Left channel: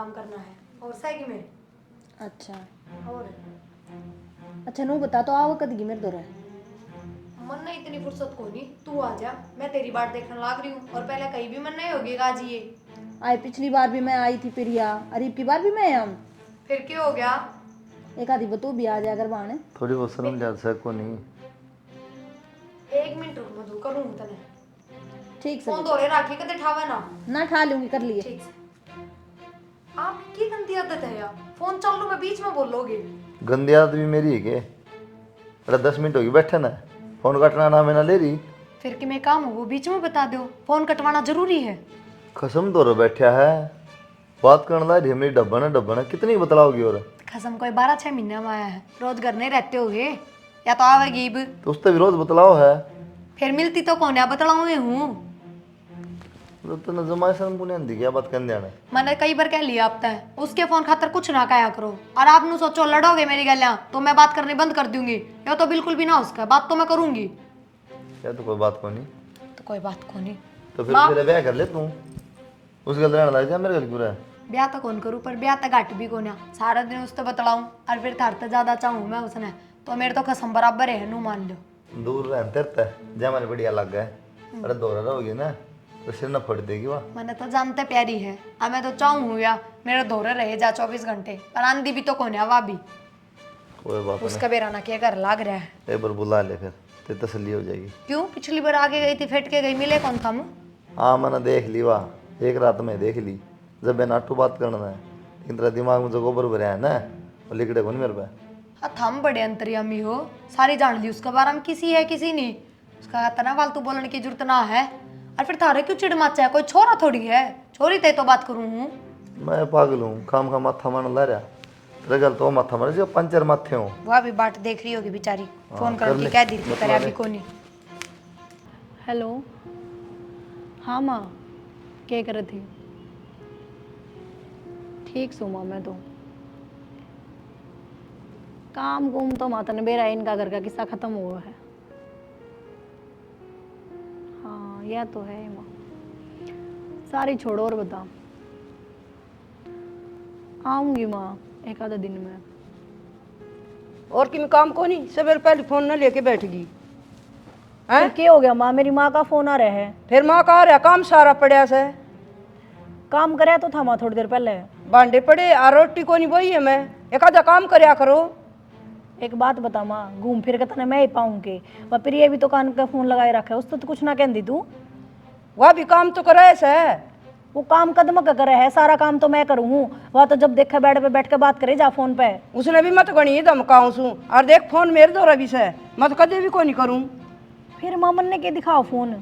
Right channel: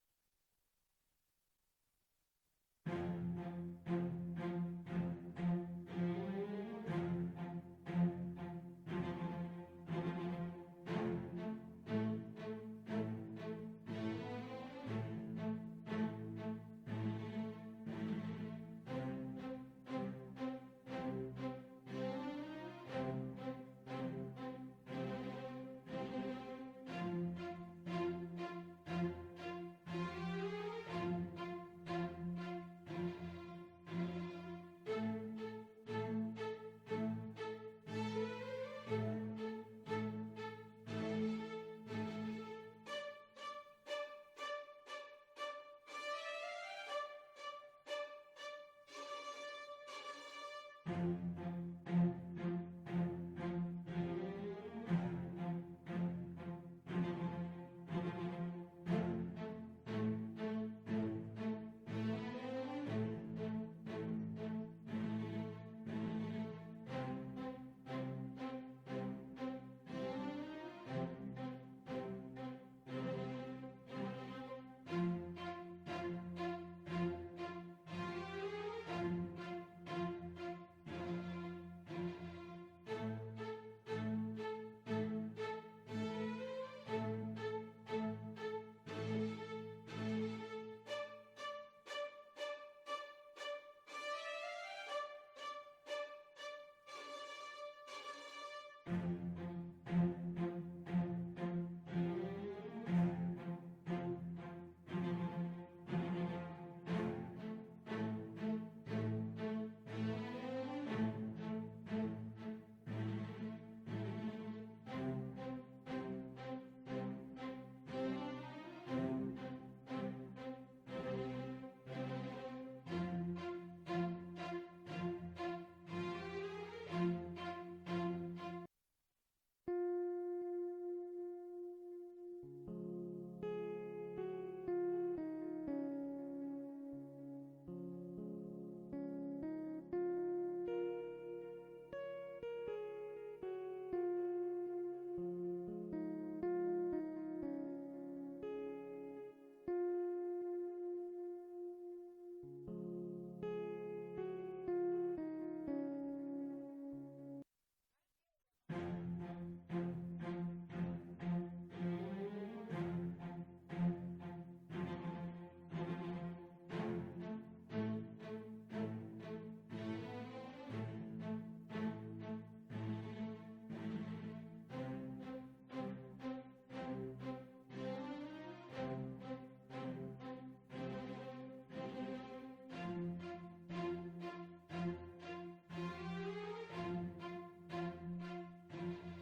काम करना है और सही में। अच्छा और अच्छा नू बता तो आओ कद मेरे दो मन नहीं इतनी फुर्सत को नहीं, तू आ जा, मैं तेरी बाट देखने लाग रही हूँ। और पहले कहीं भी मन नहीं होगी आज ये। आए पिछली बार भी मैं आई थी प्रिया, अरे की बार भी मैं हम फिर क्यों हो गया? एक आधी बतू भी आ जाया कर बाने थोड़ी बहुत शर्म जा सको नहीं। 1 मिनट रुक, मधु करूँ तने ठीक से फोन बता। दौड़े राखी कदे ठावा ना। ना खा लूंगी कर लिए। ठीक से। आपकी गंदी आदत है यार, फोन चालू में बीच में बोलोगे। गंदी आदत भी मेरी है के? अरे 10 मिनट होगी बैठे ना, फोन कटना ना मैं ना ले रही। फिर कि मैं काम हो वो बीच में बता दो, फोन कटवाना जरूरी है। कसम तो रो बैठा है, बात करने ला रही है मेरी डब्बा ना कितनी बतलाओगी? और खसम कोई 12-6 महीने में आया है, रोज घर नहीं रहते होगे या तो आवेगी अब। तो उससे भी रोज बतलाओ है। फिर मिलती तो कौन है बतलाऊं मैं हूँ। तो तूने जमाई शर्म को नहीं आंदी क्या बात करने आने? मैंने कई बार कह लिया आप तय उसके फोन खातर कुछ ना कहा करो। और आप नु सोचो लड़ोगे मेरी गलियां तो मैं बात करनी बंद कर दूंगी, या तो बिल्कुल भी ना उसका बात तो मैं करूंगी। क्या तो कोई बात को नहीं? तो कोई बात को नहीं। तो फिर तेरे ब्याह कर ले तू, उस गल रहने लग जा मेरे गल क्यों रहा? ब्याह तो कौन करूँ, पर ब्याह तक घट भी कौन है, सारा दिन उससे बतलाऊं और फिर थार तो ज्यादा चाहूँ मैं उसने, तो मेरे तो कसम बराबर है नू मान लो। दूर रह तेरे जे हमारे बढ़िया लग गए। अरे दौरा रहोगी ना तो सिर न फट देगी वाह। मैंने तो जानते प्यारी है, अब मैं तो चाहूँ या मेरे दौरे रहे जा 24 घंटे, पर आंधी भी तो कौन है वह भी कोई बात उसका बेराना के घर लाग रहा है। नहीं, एक बार बुला ले फिर ते तसल्ली हो जाएगी। क्यों पिछली बार आगे गई थी फेंट के गई, मिले कौन था मुँह? हाँ मैंने देख ली वाह, एक रात में देख ली। जब मैं नाटू बात करना है लेकिन तेरा दिमाग में जो गोबर भरा है ना वो लिखड़े को नहीं मेरे पे। हाँ थम बड़े अंतर्यामी हो, सारी जान ली उसका बारे में, किसी है किसी नहीं, उसका इतना फालतू बोलने की जरूरत ना है। और फिर थारे क्यों चिड़ मचा है, कोई छोरा थोड़ी है, छोरी ते तो बात करूँ हूँ। मैं पागल हूँ, काम का माथा मारने ला रहा। तेरा गल तो माथा मारे जो पंचर माथे हो। वह भी बात देख रही होगी बेचारी, फोन कर करके ले, कह दी थी बतला करे दे। अभी को नहीं। हेलो हाँ माँ क्या कर रही थी? ठीक सो माँ मैं तो काम गुम तो माता ने बेरा इनका घर का किस्सा खत्म हुआ है। हाँ यह तो है माँ, सारी छोड़ो और बता। आऊंगी माँ एक आधा दिन में। और किम काम को नहीं, सवेरे पहले फोन न लेके बैठ गई फिर क्या हो गया माँ, मेरी माँ का फोन आ रहा है। फिर माँ का आ रहा काम सारा पड़ा से। काम कराया तो था माँ थोड़ी देर पहले। भांडे पड़े आ रोटी को नहीं बोई है, मैं एक आधा काम करया करो। एक बात बता माँ, घूम फिर के तने मैं ही पाऊँ के वह प्रिय भी तो कान का फोन लगाए रखा है, उससे तो कुछ ना कहती तू। वह भी काम तो कराए से। वो काम कदम का करे है, सारा काम तो मैं करूँ। वह तो जब देखा बेड पे बैठ के बात करे जा फोन पे। उसने भी मत गणी धमकाऊं सू, और देख फोन मेरे दो रवि से मत कदे भी को नहीं करूँ। फिर मामन ने के दिखाओ फोन,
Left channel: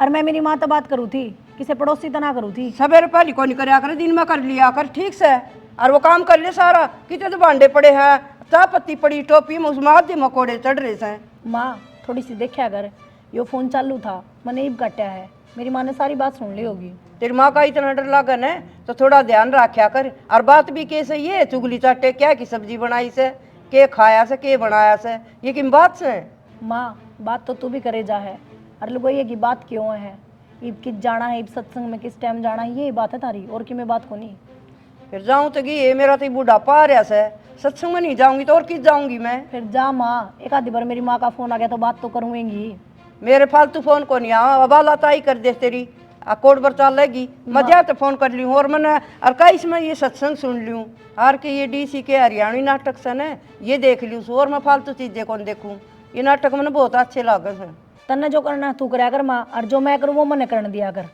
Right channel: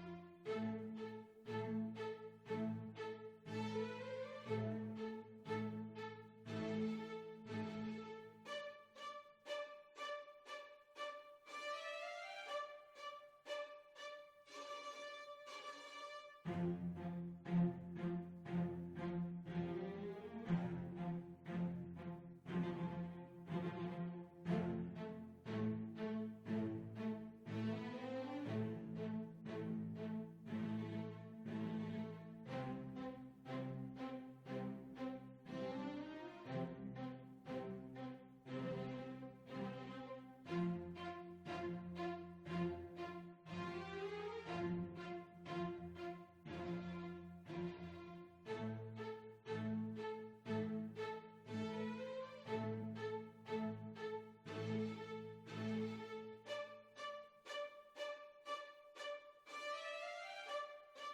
और मैं मेरी माँ तो बात करूँ थी, किसी पड़ोसी तो ना करूँ थी। सवेरे पहले को नहीं करया कर, दिन में कर लिया कर ठीक से। और वो काम कर ले सारा, कितने तो भांडे पड़े हैं, चाय पत्ती पड़ी टोपी में, उसमें आधे मकोड़े चढ़ रहे से। माँ थोड़ी सी देखा कर, यो फोन चालू था मैंने ईब काटा है, मेरी माँ ने सारी बात सुन ली होगी। तेरी माँ का इतना डर लागन है तो थोड़ा ध्यान रखा कर। और बात भी कैसे ये चुगली चाटे क्या की सब्जी बनाई से, के खाया से, के बनाया से, ये किन बात से? माँ बात तो तू भी करे जा है, और लोग ये की बात क्यों है, ईब किस जाना है, ईब सत्संग में किस टाइम जाना है, ये बात है तारी, और कि मैं बात को नहीं। फिर जाऊँ तो ये मेरा तो बुढ़ापा आ रहा से, सत्संग में नहीं जाऊंगी तो और किस जाऊंगी मैं? फिर जा माँ, एक आधी बार मेरी माँ का फोन आ गया तो बात तो करूँगी। मेरे फालतू फोन को नहीं आ, अब लाताई कर दे तेरी कोड पर चाल लेगी मजा तो फोन कर लूँ। और मैंने और का इसमें ये सत्संग सुन लूँ, और के ये डीसी के हरियाणवी नाटक सन है ये देख लूँ, और मैं फालतू चीजें कौन देखूँ। ये नाटक मैंने बहुत अच्छे लागे हैं। तन्ने जो करना तू कराया कर माँ, और जो मैं करूँ वो मैंने करने दिया कर।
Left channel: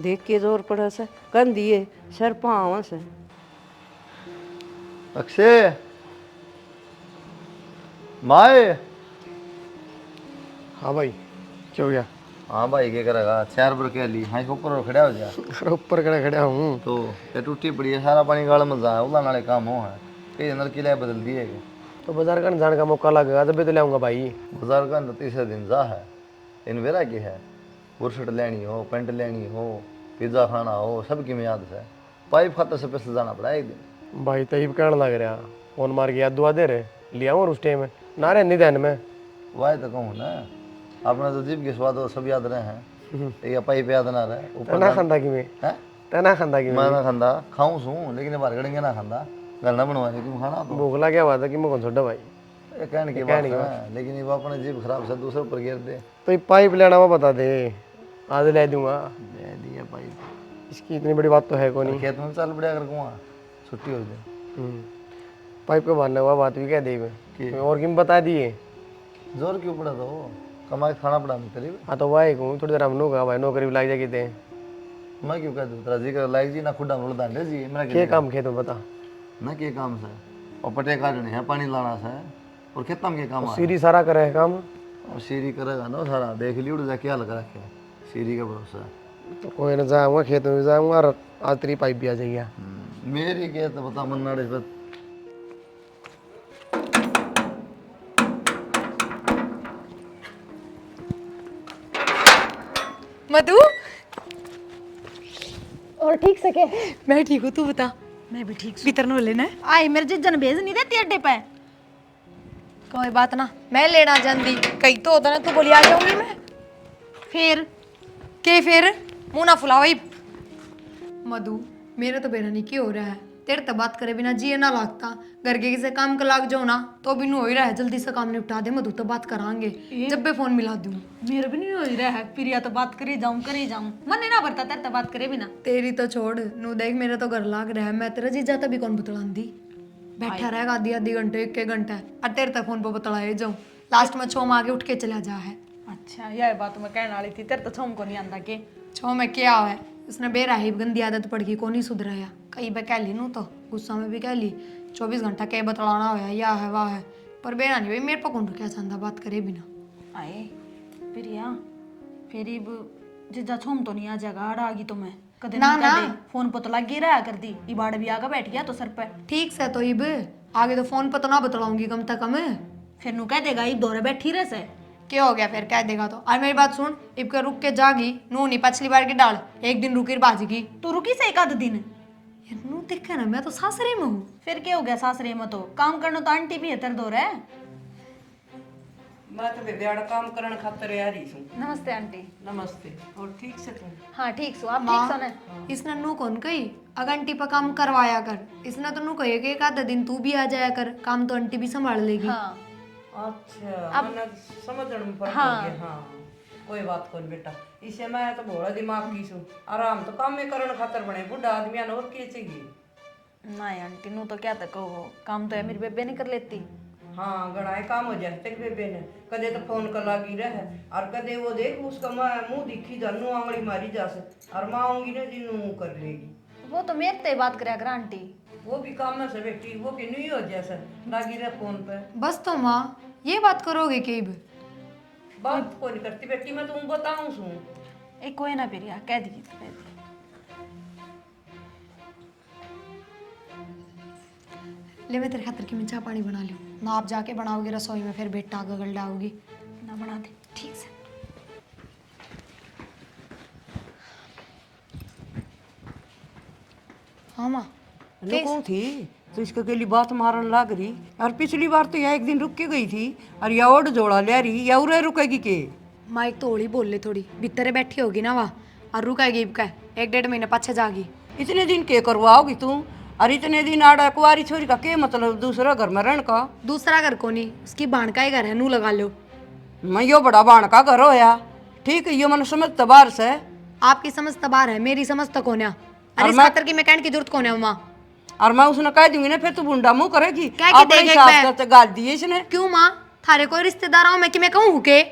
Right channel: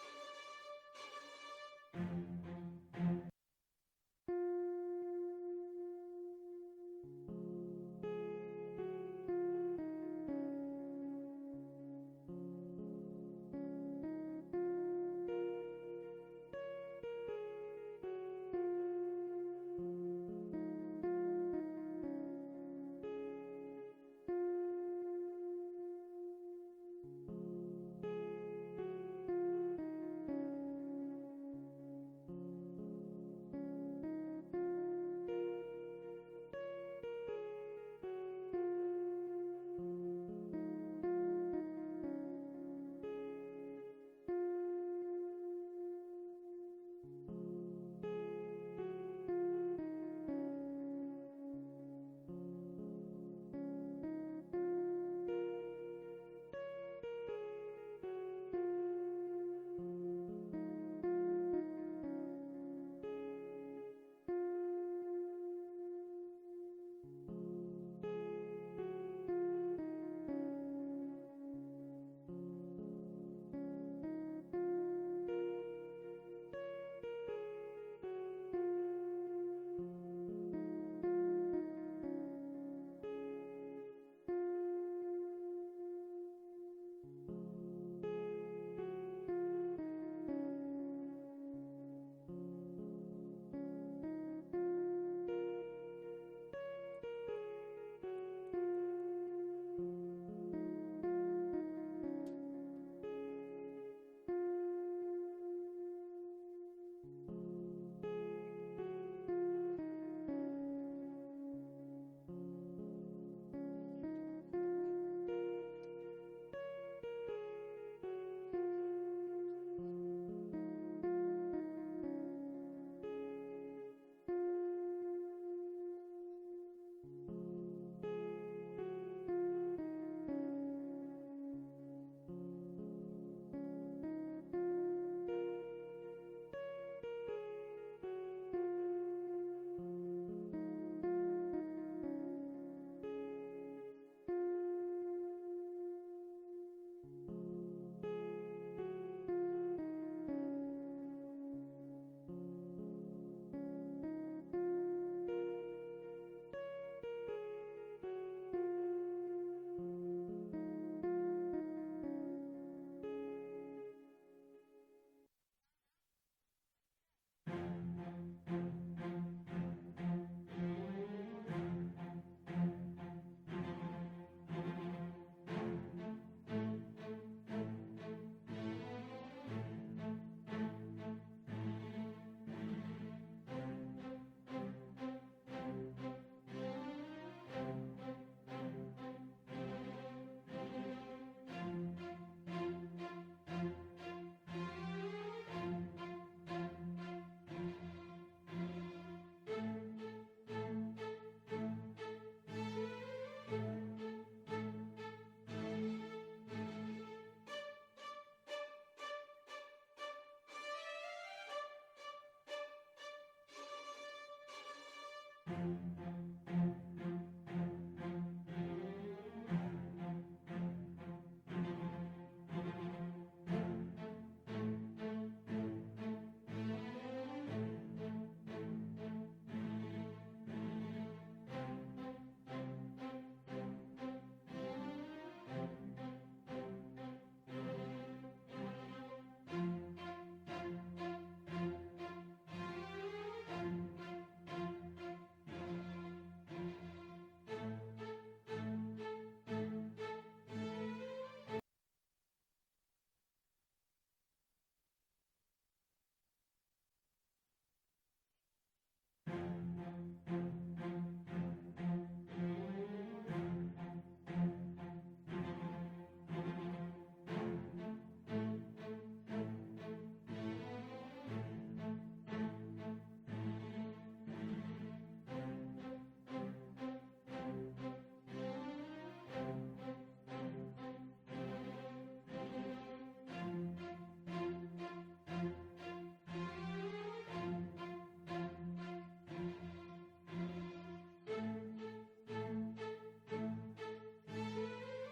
देख के जोर पड़ा से कन दिए सर पाँव से। अक्षय माए। हाँ भाई क्या हो गया? हाँ भाई क्या करेगा, 4 बार कह ली हाँ ऊपर खड़ा हो जा। अरे ऊपर खड़ा खड़ा हूँ। तो ये टूटी पड़ी है, सारा पानी गाल में जा उला नाले काम हो है, कई नल की लाए बदल दिए के। तो बाजार का जाने का मौका लगेगा तभी तो लाऊंगा भाई। बाजार का तीसरे दिन जा है, इन वेरा की है, बुरशट लेनी हो, पेंट लेनी हो, पिज्जा खाना हो, सब की मियाद से पाइप खाते से पैसे जाना पड़ा एक दिन। भाई तब कहने लग रहा फोन मार के याद दुआ दे रहे लिया और उस टाइम ना रहे निधन में। वाह तो कहूँ ना, अपना तो जीभ के स्वाद हो सब याद रहे हैं, ये पाइप याद ना रहे ऊपर ना खानदा की में हैं? ते ना खांदा कि मैं ना खांदा खाऊं सू लेकिन बाहर करेंगे ना खांदा गल ना बनवा तुम खाना तो भूख लग गया था कि मैं कौन छोड़ा भाई ये कहने की बात है लेकिन ये अपने जीभ खराब से दूसरे ऊपर गिर दे। तो ये पाइप लेना वो बता दे, आज ले दूंगा। ले लिया भाई, इसकी इतनी बड़ी बात तो है को नहीं। खेत में चल पड़ा कर कुआं छुट्टी हो जाए। पाइप को भरने हुआ बात भी कह दी मैं और किम बता दिए। जोर क्यों पड़ा तो कमा के खाना पड़ा तेरी। हाँ तो वाई कहूँ थोड़ी देर हम लोग भाई नौकरी भी लग जाएगी थे। मैं क्यों कह दूँ तेरा जी कर लाइक जी ना खुदा मुड़ दांडे जी मेरा क्या काम खेत में बता। ना के काम से और पटे काटने हैं पानी लाना से और खेत में के काम आ सीरी सारा करे है काम। और सीरी करेगा ना सारा देख ली उड़ जा क्या लगा रखे सीरी का भरोसा है। तो कोई ना जाऊँगा खेत में भी जाऊँगा और आज तेरी पाइप भी आ जाएगी। मेरी के तो बता मन्नाड़े पर मधु और ठीक से के मैं ठीक हूँ, तू बता। मैं भी ठीक भीतर नो लेना है। आई मेरे जिज्जन भेज नहीं देती अड्डे पे। कोई बात ना, मैं लेना जानती कहीं तो होता ना तू बोली आ जाऊंगी मैं। फिर के फिर मुंह ना फुलाओ। मधु मेरा तो बेरा नहीं की हो रहा है, तेरे तो बात करे बिना जिए ना लगता। घर के किसी काम का लाग जाओ ना तो भी नहीं हो ही रहा है, जल्दी से काम निपटा दे मधु, तो बात करांगे जब भी फोन मिला दूँ। मेरे भी नहीं हो रहा है, फिर या तो बात करे जाऊं मन नहीं ना भरता तेरे तो बात करे बिना। तेरी तो छोड़ नू, देख मेरा तो घर लाग रहा है, मैं तेरा जीजा तभी कौन बतलांदी। बैठा रहेगा आधी आधी घंटे एक घंटा और तेरे तक फोन पर बतलाए जाऊँ, लास्ट में छो मांगे उठ के चला जा है। अच्छा यह बात मैं कहने वाली थी, तेरे तो छम को नहीं आंदा के। छो में क्या है, उसने बेरा ही गंदी आदत पड़ गई, को नहीं सुधराया। कई बार कह ली नू तो गुस्सा में भी कह ली 24 घंटा के बतलाना होया या है वाह है, पर बेरा नहीं भाई मेरे पर कौन क्या चाहता बात करे बिना। आए फिर यहाँ फिर जिज्जा छुम तो नहीं आ जाएगा आड़ा आ गई तो मैं कदे ना, ना ना। कदे फोन पर तो लग ही रहा कर दी इबाड़ भी आगा बैठ गया तो सर पे। ठीक से तो इब आगे तो फोन पर तो ना बतलाऊंगी कम से कम। फिर नु कह देगा इब दौरे बैठी रह से। क्या हो गया फिर कह देगा तो। और मेरी बात सुन, इब के रुक के जागी नू नहीं पिछली बार की डाल, एक दिन रुकी बाजगी। तू रुकी से एक आध दिन। यार नू देखे ना मैं तो सासरे में हूँ। फिर क्या हो गया सासरे में तो काम करना तो आंटी भी है तेरे दौरे। मैं तो बेबियाड़ा काम करन खातर आ रही हूँ। नमस्ते आंटी। नमस्ते। और ठीक से तुम? हाँ ठीक सो आप ठीक माँ सो ना। इसने नू कौन कही अगर आंटी पर काम करवाया कर, इसने तो नू कहे कि एक आधा दिन तू भी आ जाया कर, काम तो आंटी भी संभाल लेगी। हाँ अच्छा मैंने समझने में फर्क हो गया। हाँ कोई बात कोई बेटा, इसे मैं तो भोला दिमाग की सू आराम तो काम में करन खातर बने बुढ़ा आदमी और के चाहिए। नहीं आंटी नू तो क्या तक हो काम तो है मेरी बेबे नहीं कर लेती। हाँ गड़ाए काम हो जाए तेरे बेबे ने कदे तो फोन कर लागी रहे और कदे वो देख उसका मुंह दिखी जानू आंगली मारी जा से और माँ आऊंगी ना जिन्नू कर लेगी। वो तो मेरे से बात करे कर आंटी। वो भी काम में से बेटी वो कि नहीं हो जैसा लागी रहे फोन पे। बस तो माँ ये बात करोगे कि इब बात कोई नहीं करती बेटी मैं तुम बताऊं सू। एक कोई ना फिर कह दीजिए। ले मैं तेरे खातिर की मैं चाय पानी बना लूँ ना, आप जाके बनाओगे रसोई में फिर बेटा गगल डाओगी ना बना दे ठीक से। हाँ माँ कौन थी तो इसके के बात मारन लाग रही और पिछली बार तो यह एक दिन रुक के गई थी और या ओड जोड़ा ले रही या उरे रुकेगी के। माँ एक तो होली बोल ले थोड़ी भीतरे बैठी होगी ना वहाँ और रुकाएगी इब का 1-1.5 महीने पाछे जागी। इतने दिन के करवाओगी तू और इतने दिन आड़ा कुआरी छोरी का के मतलब दूसरा घर में रहने का। दूसरा घर को नहीं, उसकी बाण का ही घर है, नू लगा लो। मैं यो बड़ा बाण का घर होया ठीक है यो मन समझ तबार से। आपकी समझ तबार है, मेरी समझ तक होने अरे इस मैं- खातर की मैं कहने की जरूरत कौन है माँ। और मैं उसने कह दूंगी ना फिर तू बुंडा मुंह करेगी कह के अपने देख एक हिसाब बार। से गाल दी इसने। क्यों माँ थारे कोई रिश्तेदार आओ मैं कि मैं कहूँ के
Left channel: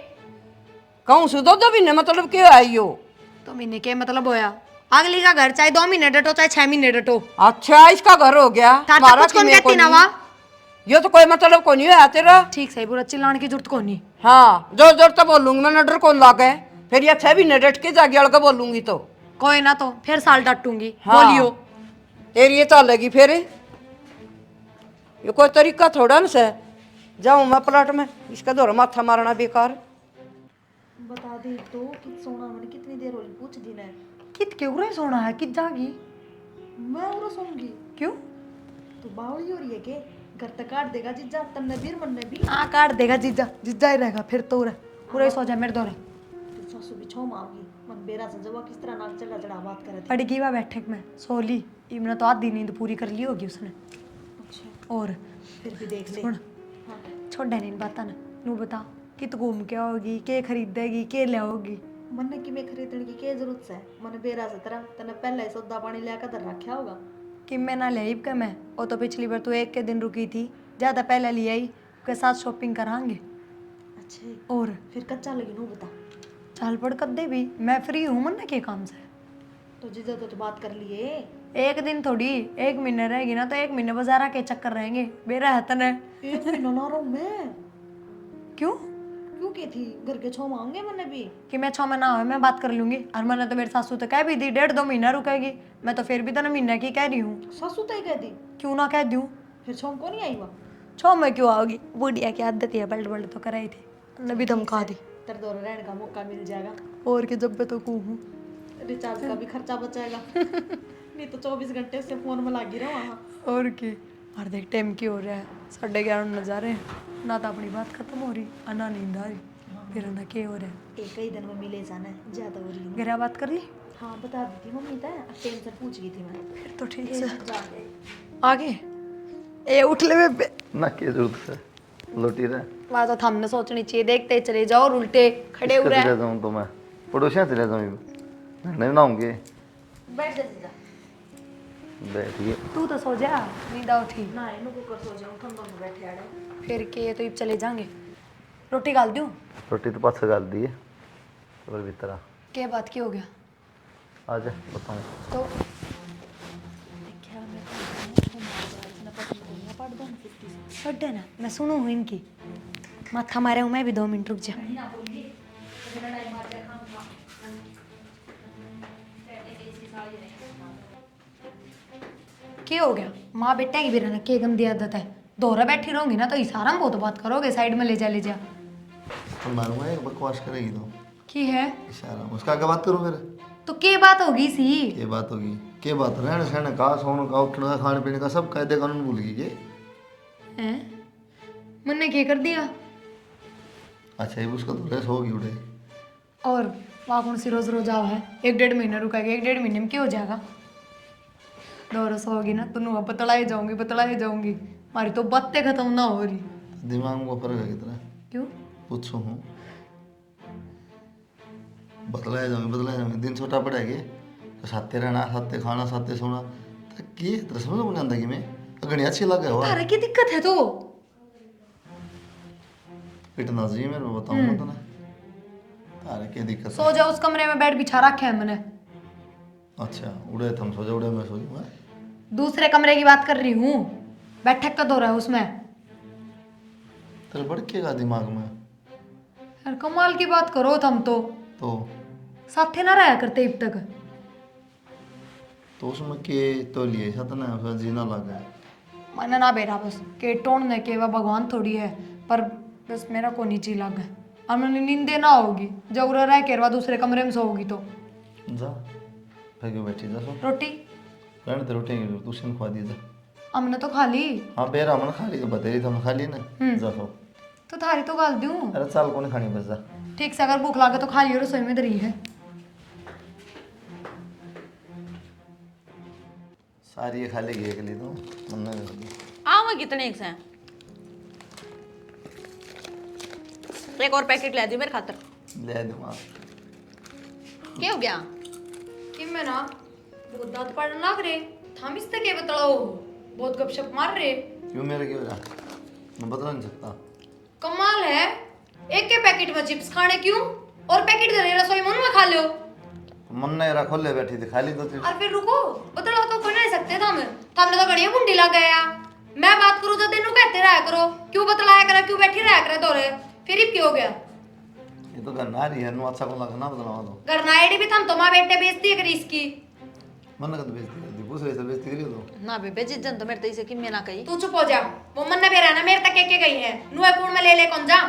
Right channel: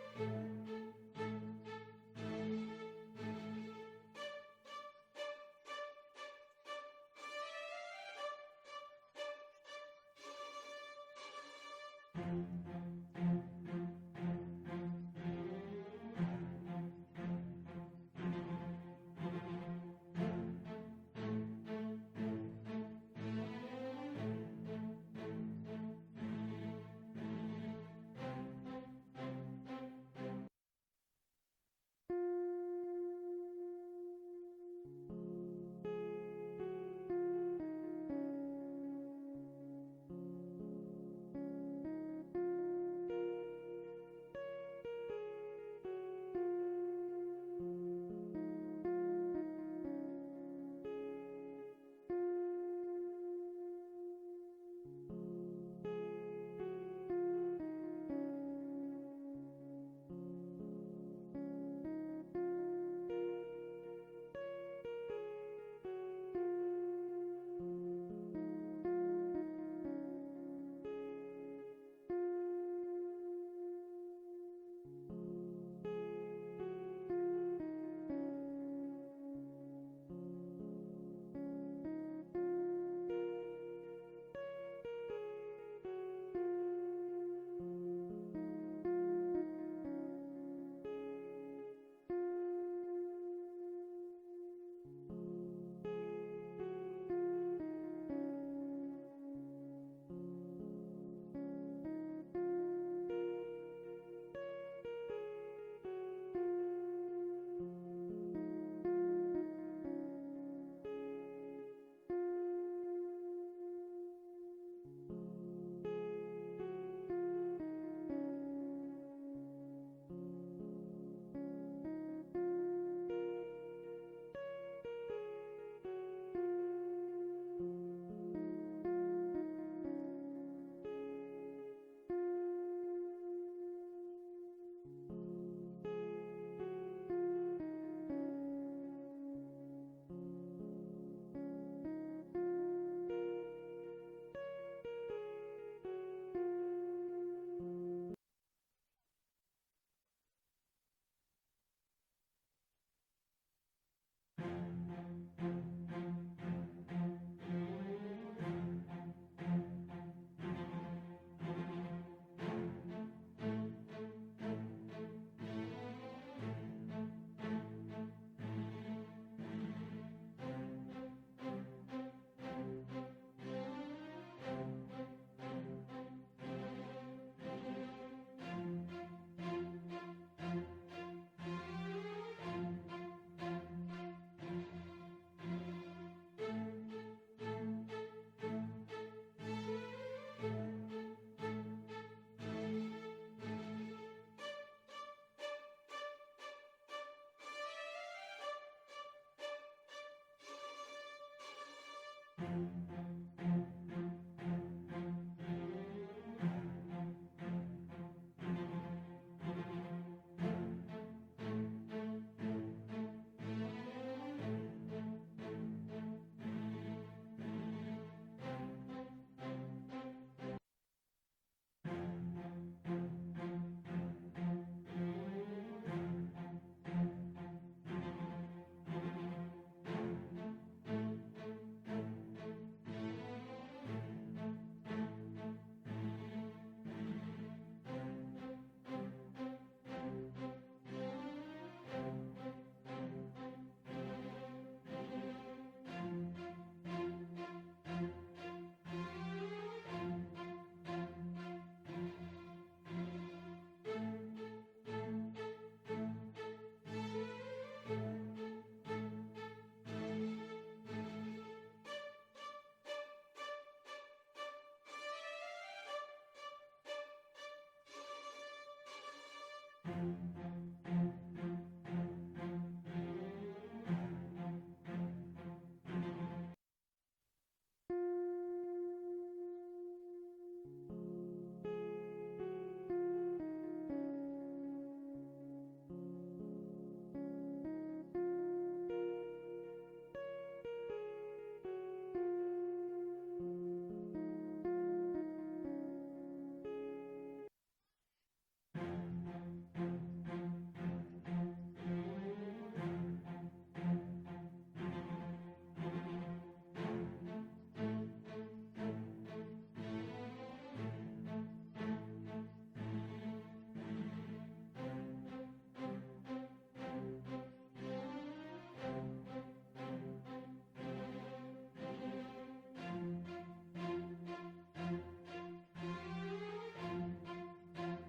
कहूँ सु दो भी ने मतलब क्यों आई हो। तो महीने के मतलब होया अगली का घर चाहे 2 महीने डटो चाहे 6 महीने डटो। अच्छा इसका घर हो गया तार तक हमारा कुछ कौन किन्ने को कहती ना नहीं। वहाँ। यो तो कोई मतलब को नहीं है तेरा। ठीक सही बुरा चिल्लाने की जरूरत कौन नहीं। हाँ जोर जोर तो बोलूंगी मैं नडर कौन लागे फिर ये 6 महीने डट के जाके अड़के बोलूंगी तो कोई ना तो फिर साल डटूंगी। हाँ। बोलियो तेरी ये चलेगी फिर ये कोई तरीका थोड़ा न से जाऊं मैं प्लाट में इसका दौरा माथा मारना बेकार। बता दे तो कि सोना मैंने कितनी देर होगी पूछ दी ने। कित क्यों रे सोना है कित जागी मैं उरा सोऊंगी क्यों। तो बावली हो रही है के घर तक काट देगा जिज्जा तन्ने बीर मनने भी। हाँ काट देगा जीजा जीजा ही रहेगा फिर तो रे पूरा ही सो जाए मेरे दौरे। तो सासू भी छो मांगी मन बेरा से जब वो किस तरह नाक चढ़ा चढ़ा बात करे थे। पड़ गई वह बैठक में सोली इमने तो आधी नींद पूरी कर ली होगी उसने। अच्छा और फिर भी देख ले। सुन छोड़ नहीं बाता ना नू बता कि तू घूम के आओगी के खरीदेगी के ले आओगी। मन्ने की में खरीदने की क्या जरूरत है? मन बेरा से तरह तने पहले ही सौदा पानी लेकर तो रखा होगा। कि मैं ना ले के मैं वो तो पिछली बार तू एक के दिन रुकी थी ज़्यादा पहले ले आई के साथ शॉपिंग करांगे। अच्छा और फिर कच्चा लगी नू बता। चाल पड़ कर दे भी मैं फ्री हूँ मन के काम से। तो जीजा तो बात कर लिए। एक दिन थोड़ी 1 महीने रहेगी ना तो 1 महीने बाजारा के चक्कर रहेंगे मेरा हतन है। एक महीना ना रहूं मैं। क्यों क्यों की थी घर के छो मांगे मैंने भी। कि मैं 6 महीना हो मैं बात कर लूंगी और मैंने तो मेरी सासू तो कह भी दी 1.5-2 महीना रुकेगी। मैं तो फिर भी तो ना महीना की कह रही हूँ। सासू तय कह दी क्यों ना कह दूँ फिर छो को नहीं आई वहाँ। 6 में क्यों आओगी बुढ़िया की आदत है पलट पलट तो कराई थी ने भी धमका दी। तेरे दौर रहने का मौका मिल जाएगा। और कि जब मैं तो कहूँ रिचार्ज का भी खर्चा बचाएगा। नहीं तो 24 घंटे से फोन में लगी रहो वहाँ। और की और देख टाइम की हो रहा है 11:30 नजारे ना तो अपनी बात खत्म हो रही और ना नींद आ रही फिर ना क्या हो रहा है। एक ही दिन में मिले जाना है ज्यादा हो रही है। गहरा बात कर ली हाँ बता दी थी मम्मी तय टेंशन पूछ गई थी मैं। फिर तो ठीक से जाके आगे ए उठ ले बे ना क्या जरूरत है लोटी रहे वहाँ तो हमने सोचनी चाहिए देखते चले जाओ और उल्टे खड़े हो रहे चले जाऊँ तो मैं पड़ोसियाँ चले जाऊँ नहीं बनाऊंगे बैठ जा जीजा। बैठिए तू तो सो जा नींद आओ ठीक ना इनको कर सो जाऊं ठंडा में बैठे आड़े। फिर के तो इब चले जाएंगे रोटी गाल दूँ रोटी तो पास गाल दी है और भीतर आ क्या बात की हो गया जा बताऊँ तो पढ़ ना मैं सुनू हूँ इनकी माथा मारे हूँ मैं भी 2 मिनट रुक जा। क्या हो गया माँ बेटा की भी रहना क्या गंदी आदत है दोहरा बैठी रहूंगी ना तो इशारा में बहुत बात करोगे साइड में ले जा मारूंगा एक बकवास करेगी तो की है इशारा उसका क्या बात करूँ फिर तो क्या बात होगी सी ये बात होगी क्या बात रहने सहने का सोने का उठने का खाने पीने का सब कायदे कानून भूल गई के हैं मैंने क्या कर दिया अच्छा ये उसका तो रेस होगी उड़े और वहाँ कौन सी रोज रोज आओ है 1-1.5 महीना रुकेगा 1-1.5 महीने में क्या हो जाएगा 2 रोज होगी ना तो नुआ बतलाए जाऊंगी हमारी तो बातें खत्म ना हो रही दिमाग में फर्क है कितना क्यों पूछो हूँ बतलाए जाऊंगे दिन छोटा पड़ेगा तो साथे रहना साथे खाना साथे सोना तो की तेरे समझ में नहीं आंदा कि मैं अगनी अच्छी लगे हो तारे की दिक्कत है तो पिटना चाहिए मेरे को बताऊँ मैं तने तारे की दिक्कत है? सो जाओ उस कमरे में बेड बिछा रखा है मैंने अच्छा उड़े तुम सो जाओ उड़े मैं सो जाऊँ दूसरे कमरे की बात कर रही हूँ बैठक का दौरा है उसमें तेरे भड़केगा दिमाग में यार कमाल की बात करो तुम तो साथे ना रहा करते अब तक तो उसमें के तो लिए सतना उसका जीना लगा मैंने ना बेरा बस के टोड़ने के वह भगवान थोड़ी है पर बस मेरा को नीचे लग है और मैंने नींदे ना होगी जब रह के रवा दूसरे कमरे में सोगी तो जा फिर क्यों बैठी जा सो रोटी रहने ते रोटी की तू सिन खवा दी जा हमने तो खा ली हाँ बेरा मन खा ली तो बतेरी तो खा ली ना जा सो तो थारी तो गाल दूं अरे साल को नहीं खानी बस जा ठीक से अगर भूख लागे तो खा लियो रसोई में दरी है सारी ये खा लेगी एक ली तो मन नहीं आऊंगा कितने एक से एक और पैकेट ले दी मेरे खातर। ले दिमाग क्या हो गया? कि मैं ना बहुत दांत पड़ने लग रहे थाम इस तक बतलाओ बहुत गपशप मार रहे क्यों मेरे क्यों जा मैं बता नहीं सकता कमाल है एक के पैकेट में चिप्स खाने क्यों और पैकेट दे रसोई मन में खा लो मन नहीं रहा खोले बैठी थी खाली तो थी और फिर रुको बतलाओ तो कोई नहीं सकते तुमने तो बढ़िया मुंडी लग गया मैं बात करूँ तो तेनू कहते रहा करो क्यों बतलाया करा क्यों बैठी रहा करा दौरे फिर ही क्यों हो गया ये तो करना रही है नु अच्छा को लगना बदलावा तो करना आईडी भी तुम माँ बेटे बेचती है इसकी मन का तो बेइज्जती कर दी दूसरे से बेइज्जती करी तो ना बेबे जिज्जन तो मेरे तो इसे कि मैं ना कही। तू चुप हो जा वो मन भी रहना मेरे तक के गई है नुए कूड़ में ले कौन जा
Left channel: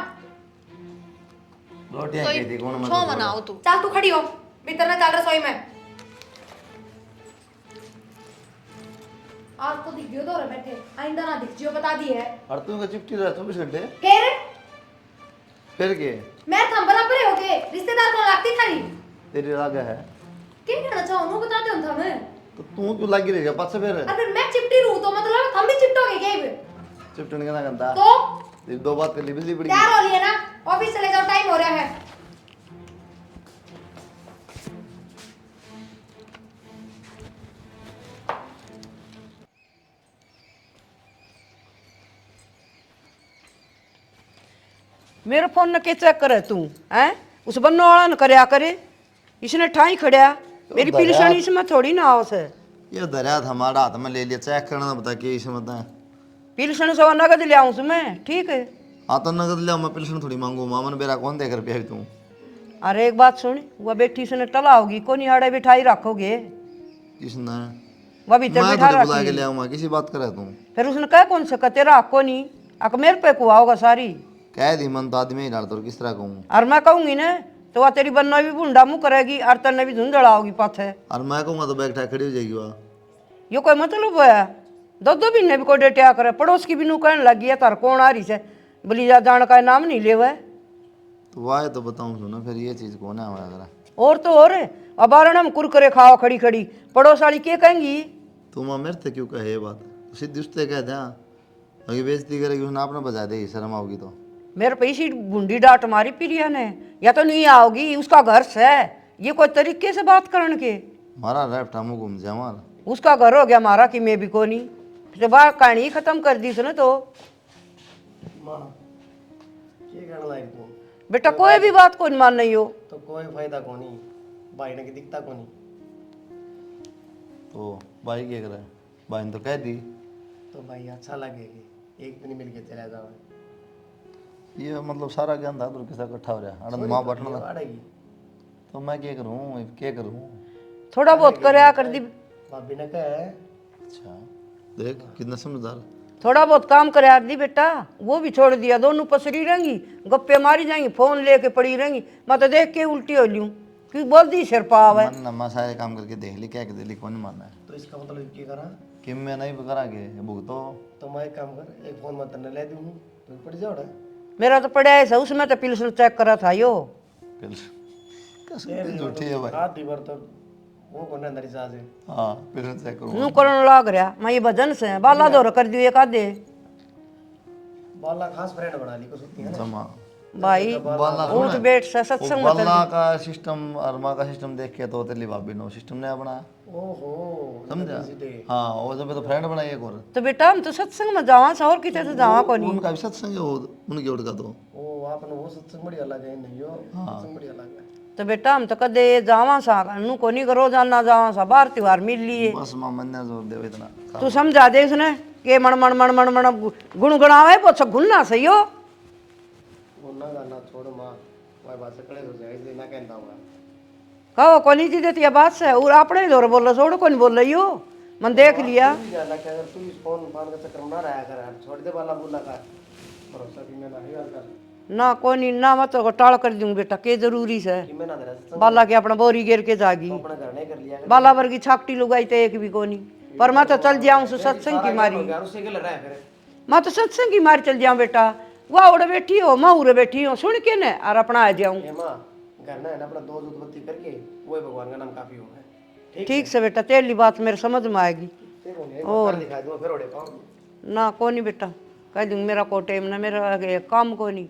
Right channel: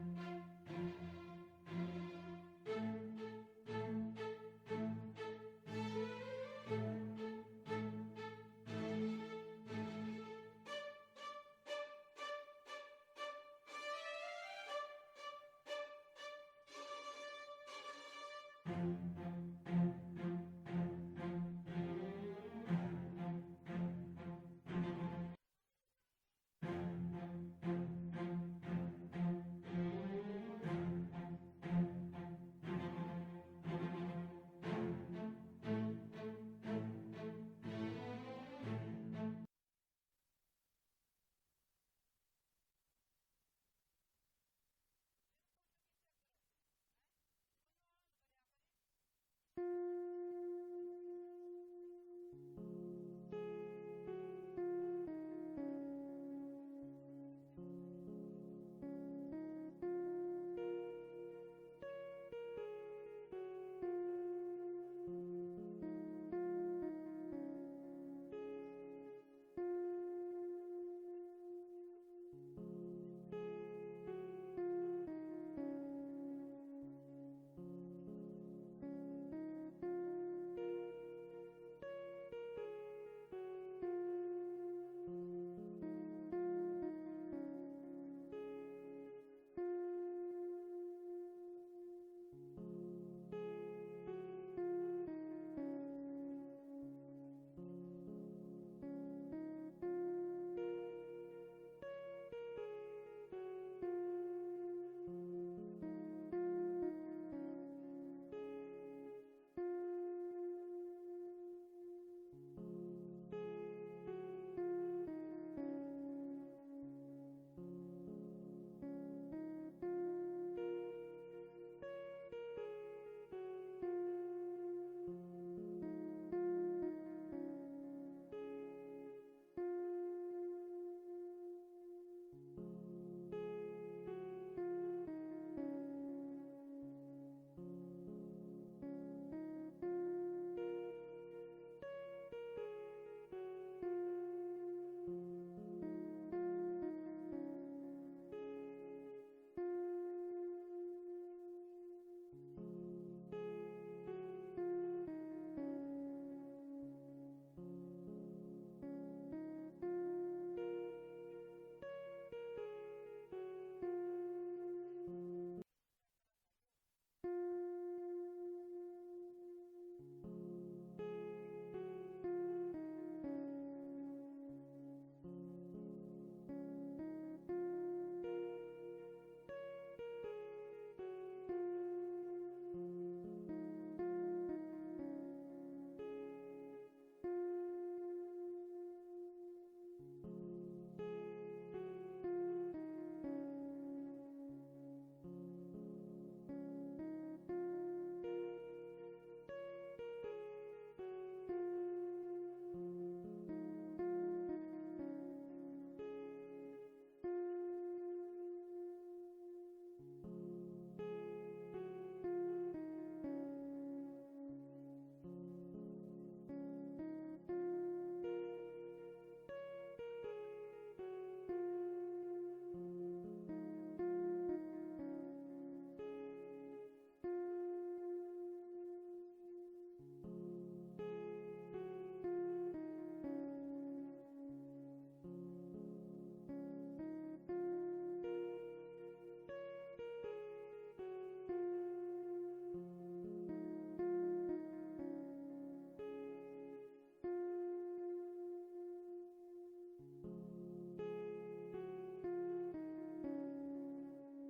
रोटियां की थी कौन छो बनाओ तू। चल तू खड़ी हो भीतर ना चल रसोई में आज तो दिख गयो दौरे बैठे आइंदा ना दिख जियो बता दी है और तू का चिपटी रहा 24 घंटे फिर फिर के मैं थम बराबर हो गए रिश्तेदार को लगती थारी तेरी राग है क्या करना चाहो नु बताते हो था मैं तो तू क्यों लगी रहेगा पास से फिर अगर मैं चिपटी रहूं तो मतलब हम भी चिपटोगे क्या ये चिपटने का ना करता तो ये दो बात कर ली बिजली पड़ी तैयार हो लिए ना ऑफिस चले जाओ टाइम हो रहा है मेरे फोन ने के चेक करे तू हैं उस बन्नो वाला न करया करे इसने ठाई खड़या मेरी पिलसण इसमें थोड़ी ना आवस है ये दरिया था हमारा हाथ में ले लिया चेक करना बता के इसमें बता पिलसण सवा नगद ले आऊं मैं ठीक है हाँ तो नगद ले मैं पिलसन थोड़ी मांगू मामन बेरा कौन देकर पिया तू अरे एक बात सुन वह बेटी से टला होगी कोनी आड़े बिठाई रखोगे किसने वह भीतर मैं बिठा थोड़ी बुला के रखी ले आऊंगा किसी बात करे तू फिर उसने कह कौन से तेरा हक कोनी अक मेरे पे कुआ होगा सारी कह दी मन तो आदमी ही डालता किस तरह कहूँ और मैं कहूंगी ना तो वह तेरी बन्ना भी भूंडा मुँह करेगी और तन्ने भी धुंधड़ा होगी पाथे और मैं कहूँगा तो बैग खड़ी हो जाएगी वह यो कोई मतलब है दो महीने भी कोई डेटिया करे पड़ोस की भी नू कहने लगी है तार कौन आ रही से बोली जा जान का नाम नहीं ले हुआ तो वाह तो बताऊँ सुनो फिर ये चीज़ कौन है हमारा और तो और अब आरण हम कुरकुरे खाओ खड़ी खड़ी पड़ोस वाली क्या कहेंगी तुम मेरे से क्यों कहे ये बात तो सीधी उससे कह दे अगर बेइज्जती करेगी उसने आपने बजा देगी शर्म आओगी तो मेरे पे इसी बूंदी डांट मारी प्रिया ने या तो नहीं आओगी उसका घर से ये कोई तरीके से बात करने के हमारा लेफ्ट हम घूम जाए हमारा उसका घर हो गया हमारा कि मैं भी कोनी तो बात कहानी खत्म कर दी उसने तो माँ ये कहने लायक तू बेटा कोई भी बात को नहीं मान नहीं हो तो कोई फायदा कोनी भाई ने की दिखता कोनी तो भाई क्या करे भाई ने तो कह दी तो भाई अच्छा लगेगी एक दिन मिल के चला जाओ ये मतलब सारा ज्ञान था दूर किसा इकट्ठा हो रहा आनंद माँ बैठना था आड़ेगी तो मैं क्या करूँ थोड़ा बहुत करया कर दी भाभी ने कहा अच्छा देख कितना समझदार थोड़ा बहुत काम करया दी बेटा वो भी छोड़ दिया दोनों पसरी रहेंगी गप्पे मारी जाएंगी फोन लेके पड़ी रहेंगी मैं तो देख के उल्टी हो लूँ कि बोल दी सिर पाव है मन नम्मा सारे काम करके देख ली क्या दिल्ली कौन मानना है तो इसका मतलब क्या करा कि मैं नहीं करागे भुगतो तो मैं एक काम कर एक फोन मत ले दूँ तो पड़ जाओ ना मेरा तो पड़ा है उसमें तो पिल्सन चेक करा था यो कसम झूठी है भाई आधी बार तो वो कौन अंदर साज है हाँ फिर चेक करूँ नू करण लाग रहा मैं ये भजन से बाला दौर कर दियो एक आधे बाला खास फ्रेंड बना ली को सुनती है जमा भाई बाला उठ बैठ से सत्संग में बाला का सिस्टम और माँ का सिस्टम देख के तो तेरी भाभी ने सिस्टम नया बनाया ओहो समझा हाँ वो जब तो फ्रेंड बनाई एक और तो बेटा हम तो सत्संग में जावा और किते से जावा को नहीं उनका भी सत्संग है वो उनके उठ का तो ओ आपने वो सत्संग बड़ी अलग है नहीं हो सत्संग बड़ी अलग है तो बेटा हम तो कदे जावा सा नू को नहीं करो जाना जावा सा बार त्योहार मिल लिए बस माँ मन ने जोर दे इतना तू समझा दे उसने के मन मन मन मन मन गुणगुणावे वो सब गुनना सही हो गुन्ना गाना छोड़ माँ वह बात से कड़े हो जाए इसलिए ना कहता हूँ कहो को नहीं देती बात से और अपने जोर बोल रहा छोड़ को नहीं बोल रही हो मन देख लिया ज्यादा क्या अगर तू इस फोन फान का चक्कर में ना रहा कर छोड़ दे वाला बोला कर भरोसा भी मैं नहीं कर ना को नहीं ना मत को टाल कर दूं बेटा के जरूरी से कि मैं ना दे रहा बाला के अपना बोरी गिर के जागी अपना घर नहीं कर लिया बाला वर्गी छाकटी लुगाई तो एक भी को नहीं पर मैं तो चल जाऊं सत्संग की मारी यार उससे क्या लड़ रहा है फिर मैं तो सत्संग की मारी चल जाऊं बेटा वह उड़ बैठी हो मैं उड़ बैठी हो सुन के न और अपना आ जाऊं ये माँ घर ना है ना अपना दो दूध बत्ती करके वही भगवान का नाम काफी होगा ठीक से बेटा तेरी बात मेरे समझ में आएगी और दिखा दूंगा फिर ओढ़े पाऊँ ना को नहीं बेटा कह दूंगी मेरा को टाइम ना मेरा काम को नहीं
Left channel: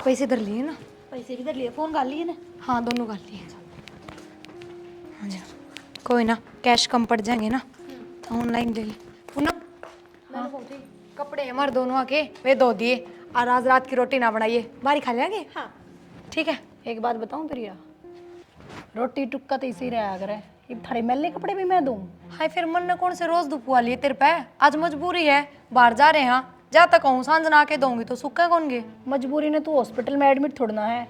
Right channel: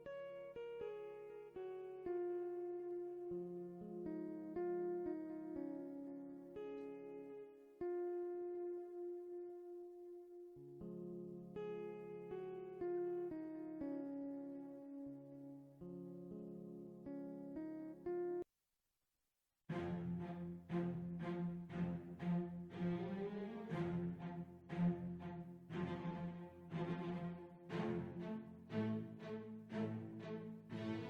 पैसे इधर लिए ना पैसे किधर लिए फोन कर लिए ना हाँ दोनों कर लिए हाँ जी कोई ना कैश कम पड़ जाएंगे ना तो ऑनलाइन ले ले पूनम हाँ कपड़े हमारे दोनों आके वे धो दिए और आज रात की रोटी ना बनाइए बारी खा लेंगे हाँ ठीक है एक बात बताऊं प्रिया रोटी टुक्का तो इसी रहा करे ये थारे मैले कपड़े भी मैं दूं हाय फिर मन ने कौन से रोज दुपुआ लिए तेरे पे आज मजबूरी है बाहर जा रहे हैं जा तक कहूँ सांझ ना के दूंगी तो सुक्का कौन गे मजबूरी ने तू हॉस्पिटल में एडमिट थोड़ना है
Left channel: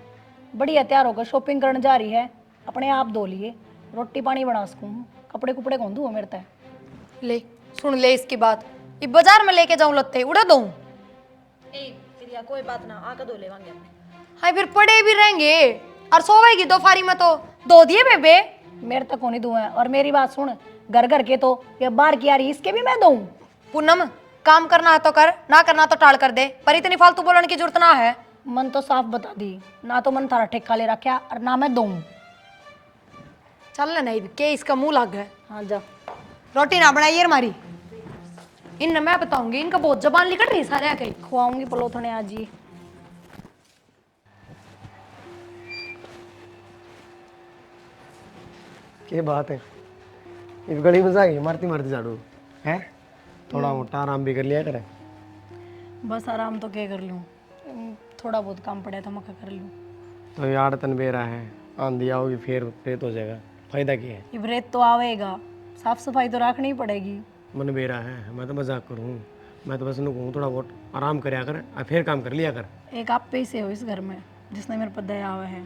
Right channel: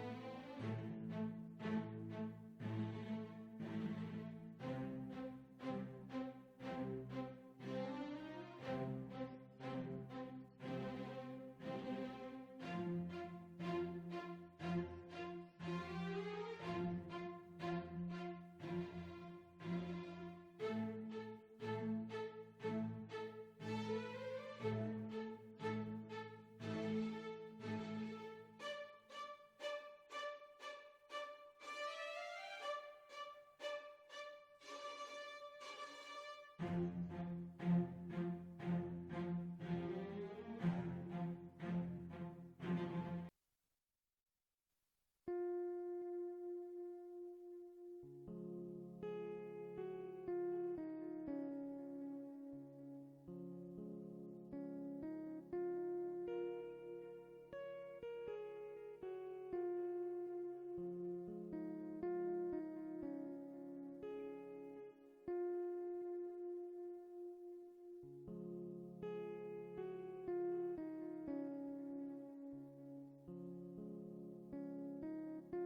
बढ़िया तैयार होकर शॉपिंग करने जा रही है अपने आप धो लिए रोटी पानी बना सकूँ कपड़े कुपड़े कौन दूँ मेरे तय ले सुन ले इसकी बात ये बाजार में लेके जाऊं लत्ते उड़ा दूं कोई बात ना आकर धो लेवांगे हाय फिर पड़े भी रहेंगे और सोवेगी दोपहरी में तो धो दिए बेबे मेरे तक को नहीं दूँ और मेरी बात सुन घर घर के तो ये बाहर की आ रही इसके भी मैं दूँ पूनम काम करना है तो कर ना करना तो टाल कर दे पर इतनी फालतू बोलने की जरूरत ना है मन तो साफ बता दी, ना तो मन थारा ठेका ले रखा और ना मैं दूँ। चल ना नहीं के इसका मुंह लग है। हाँ जा। रोटी ना बनाइए हमारी, इन मैं बताऊंगी, इनका बहुत जबान निकल रही सारे कहीं। खुआऊंगी पलोथने आज ही। क्या बात है, इस गली में जाएगी मारती मारती झाड़ू है। थोड़ा मोटा आराम भी कर लिया करे। बस आराम तो क्या कर लूँ, थोड़ा बहुत काम पड़ा था मैं कर लूँ। तो यार तन बेरा है, आंधी आओगी फिर रेत हो जाएगा, फायदा क्या है। ये रेत तो आवेगा, साफ सफाई तो रखनी ही पड़ेगी। मन बेरा है, मैं तो मजाक करूँ, मैं तो बस उन्हें कहूँ थोड़ा बहुत आराम करया कर और फिर काम कर लिया कर। एक आप पे ही से हो इस घर में जिसने मेरे पर दया हुआ है।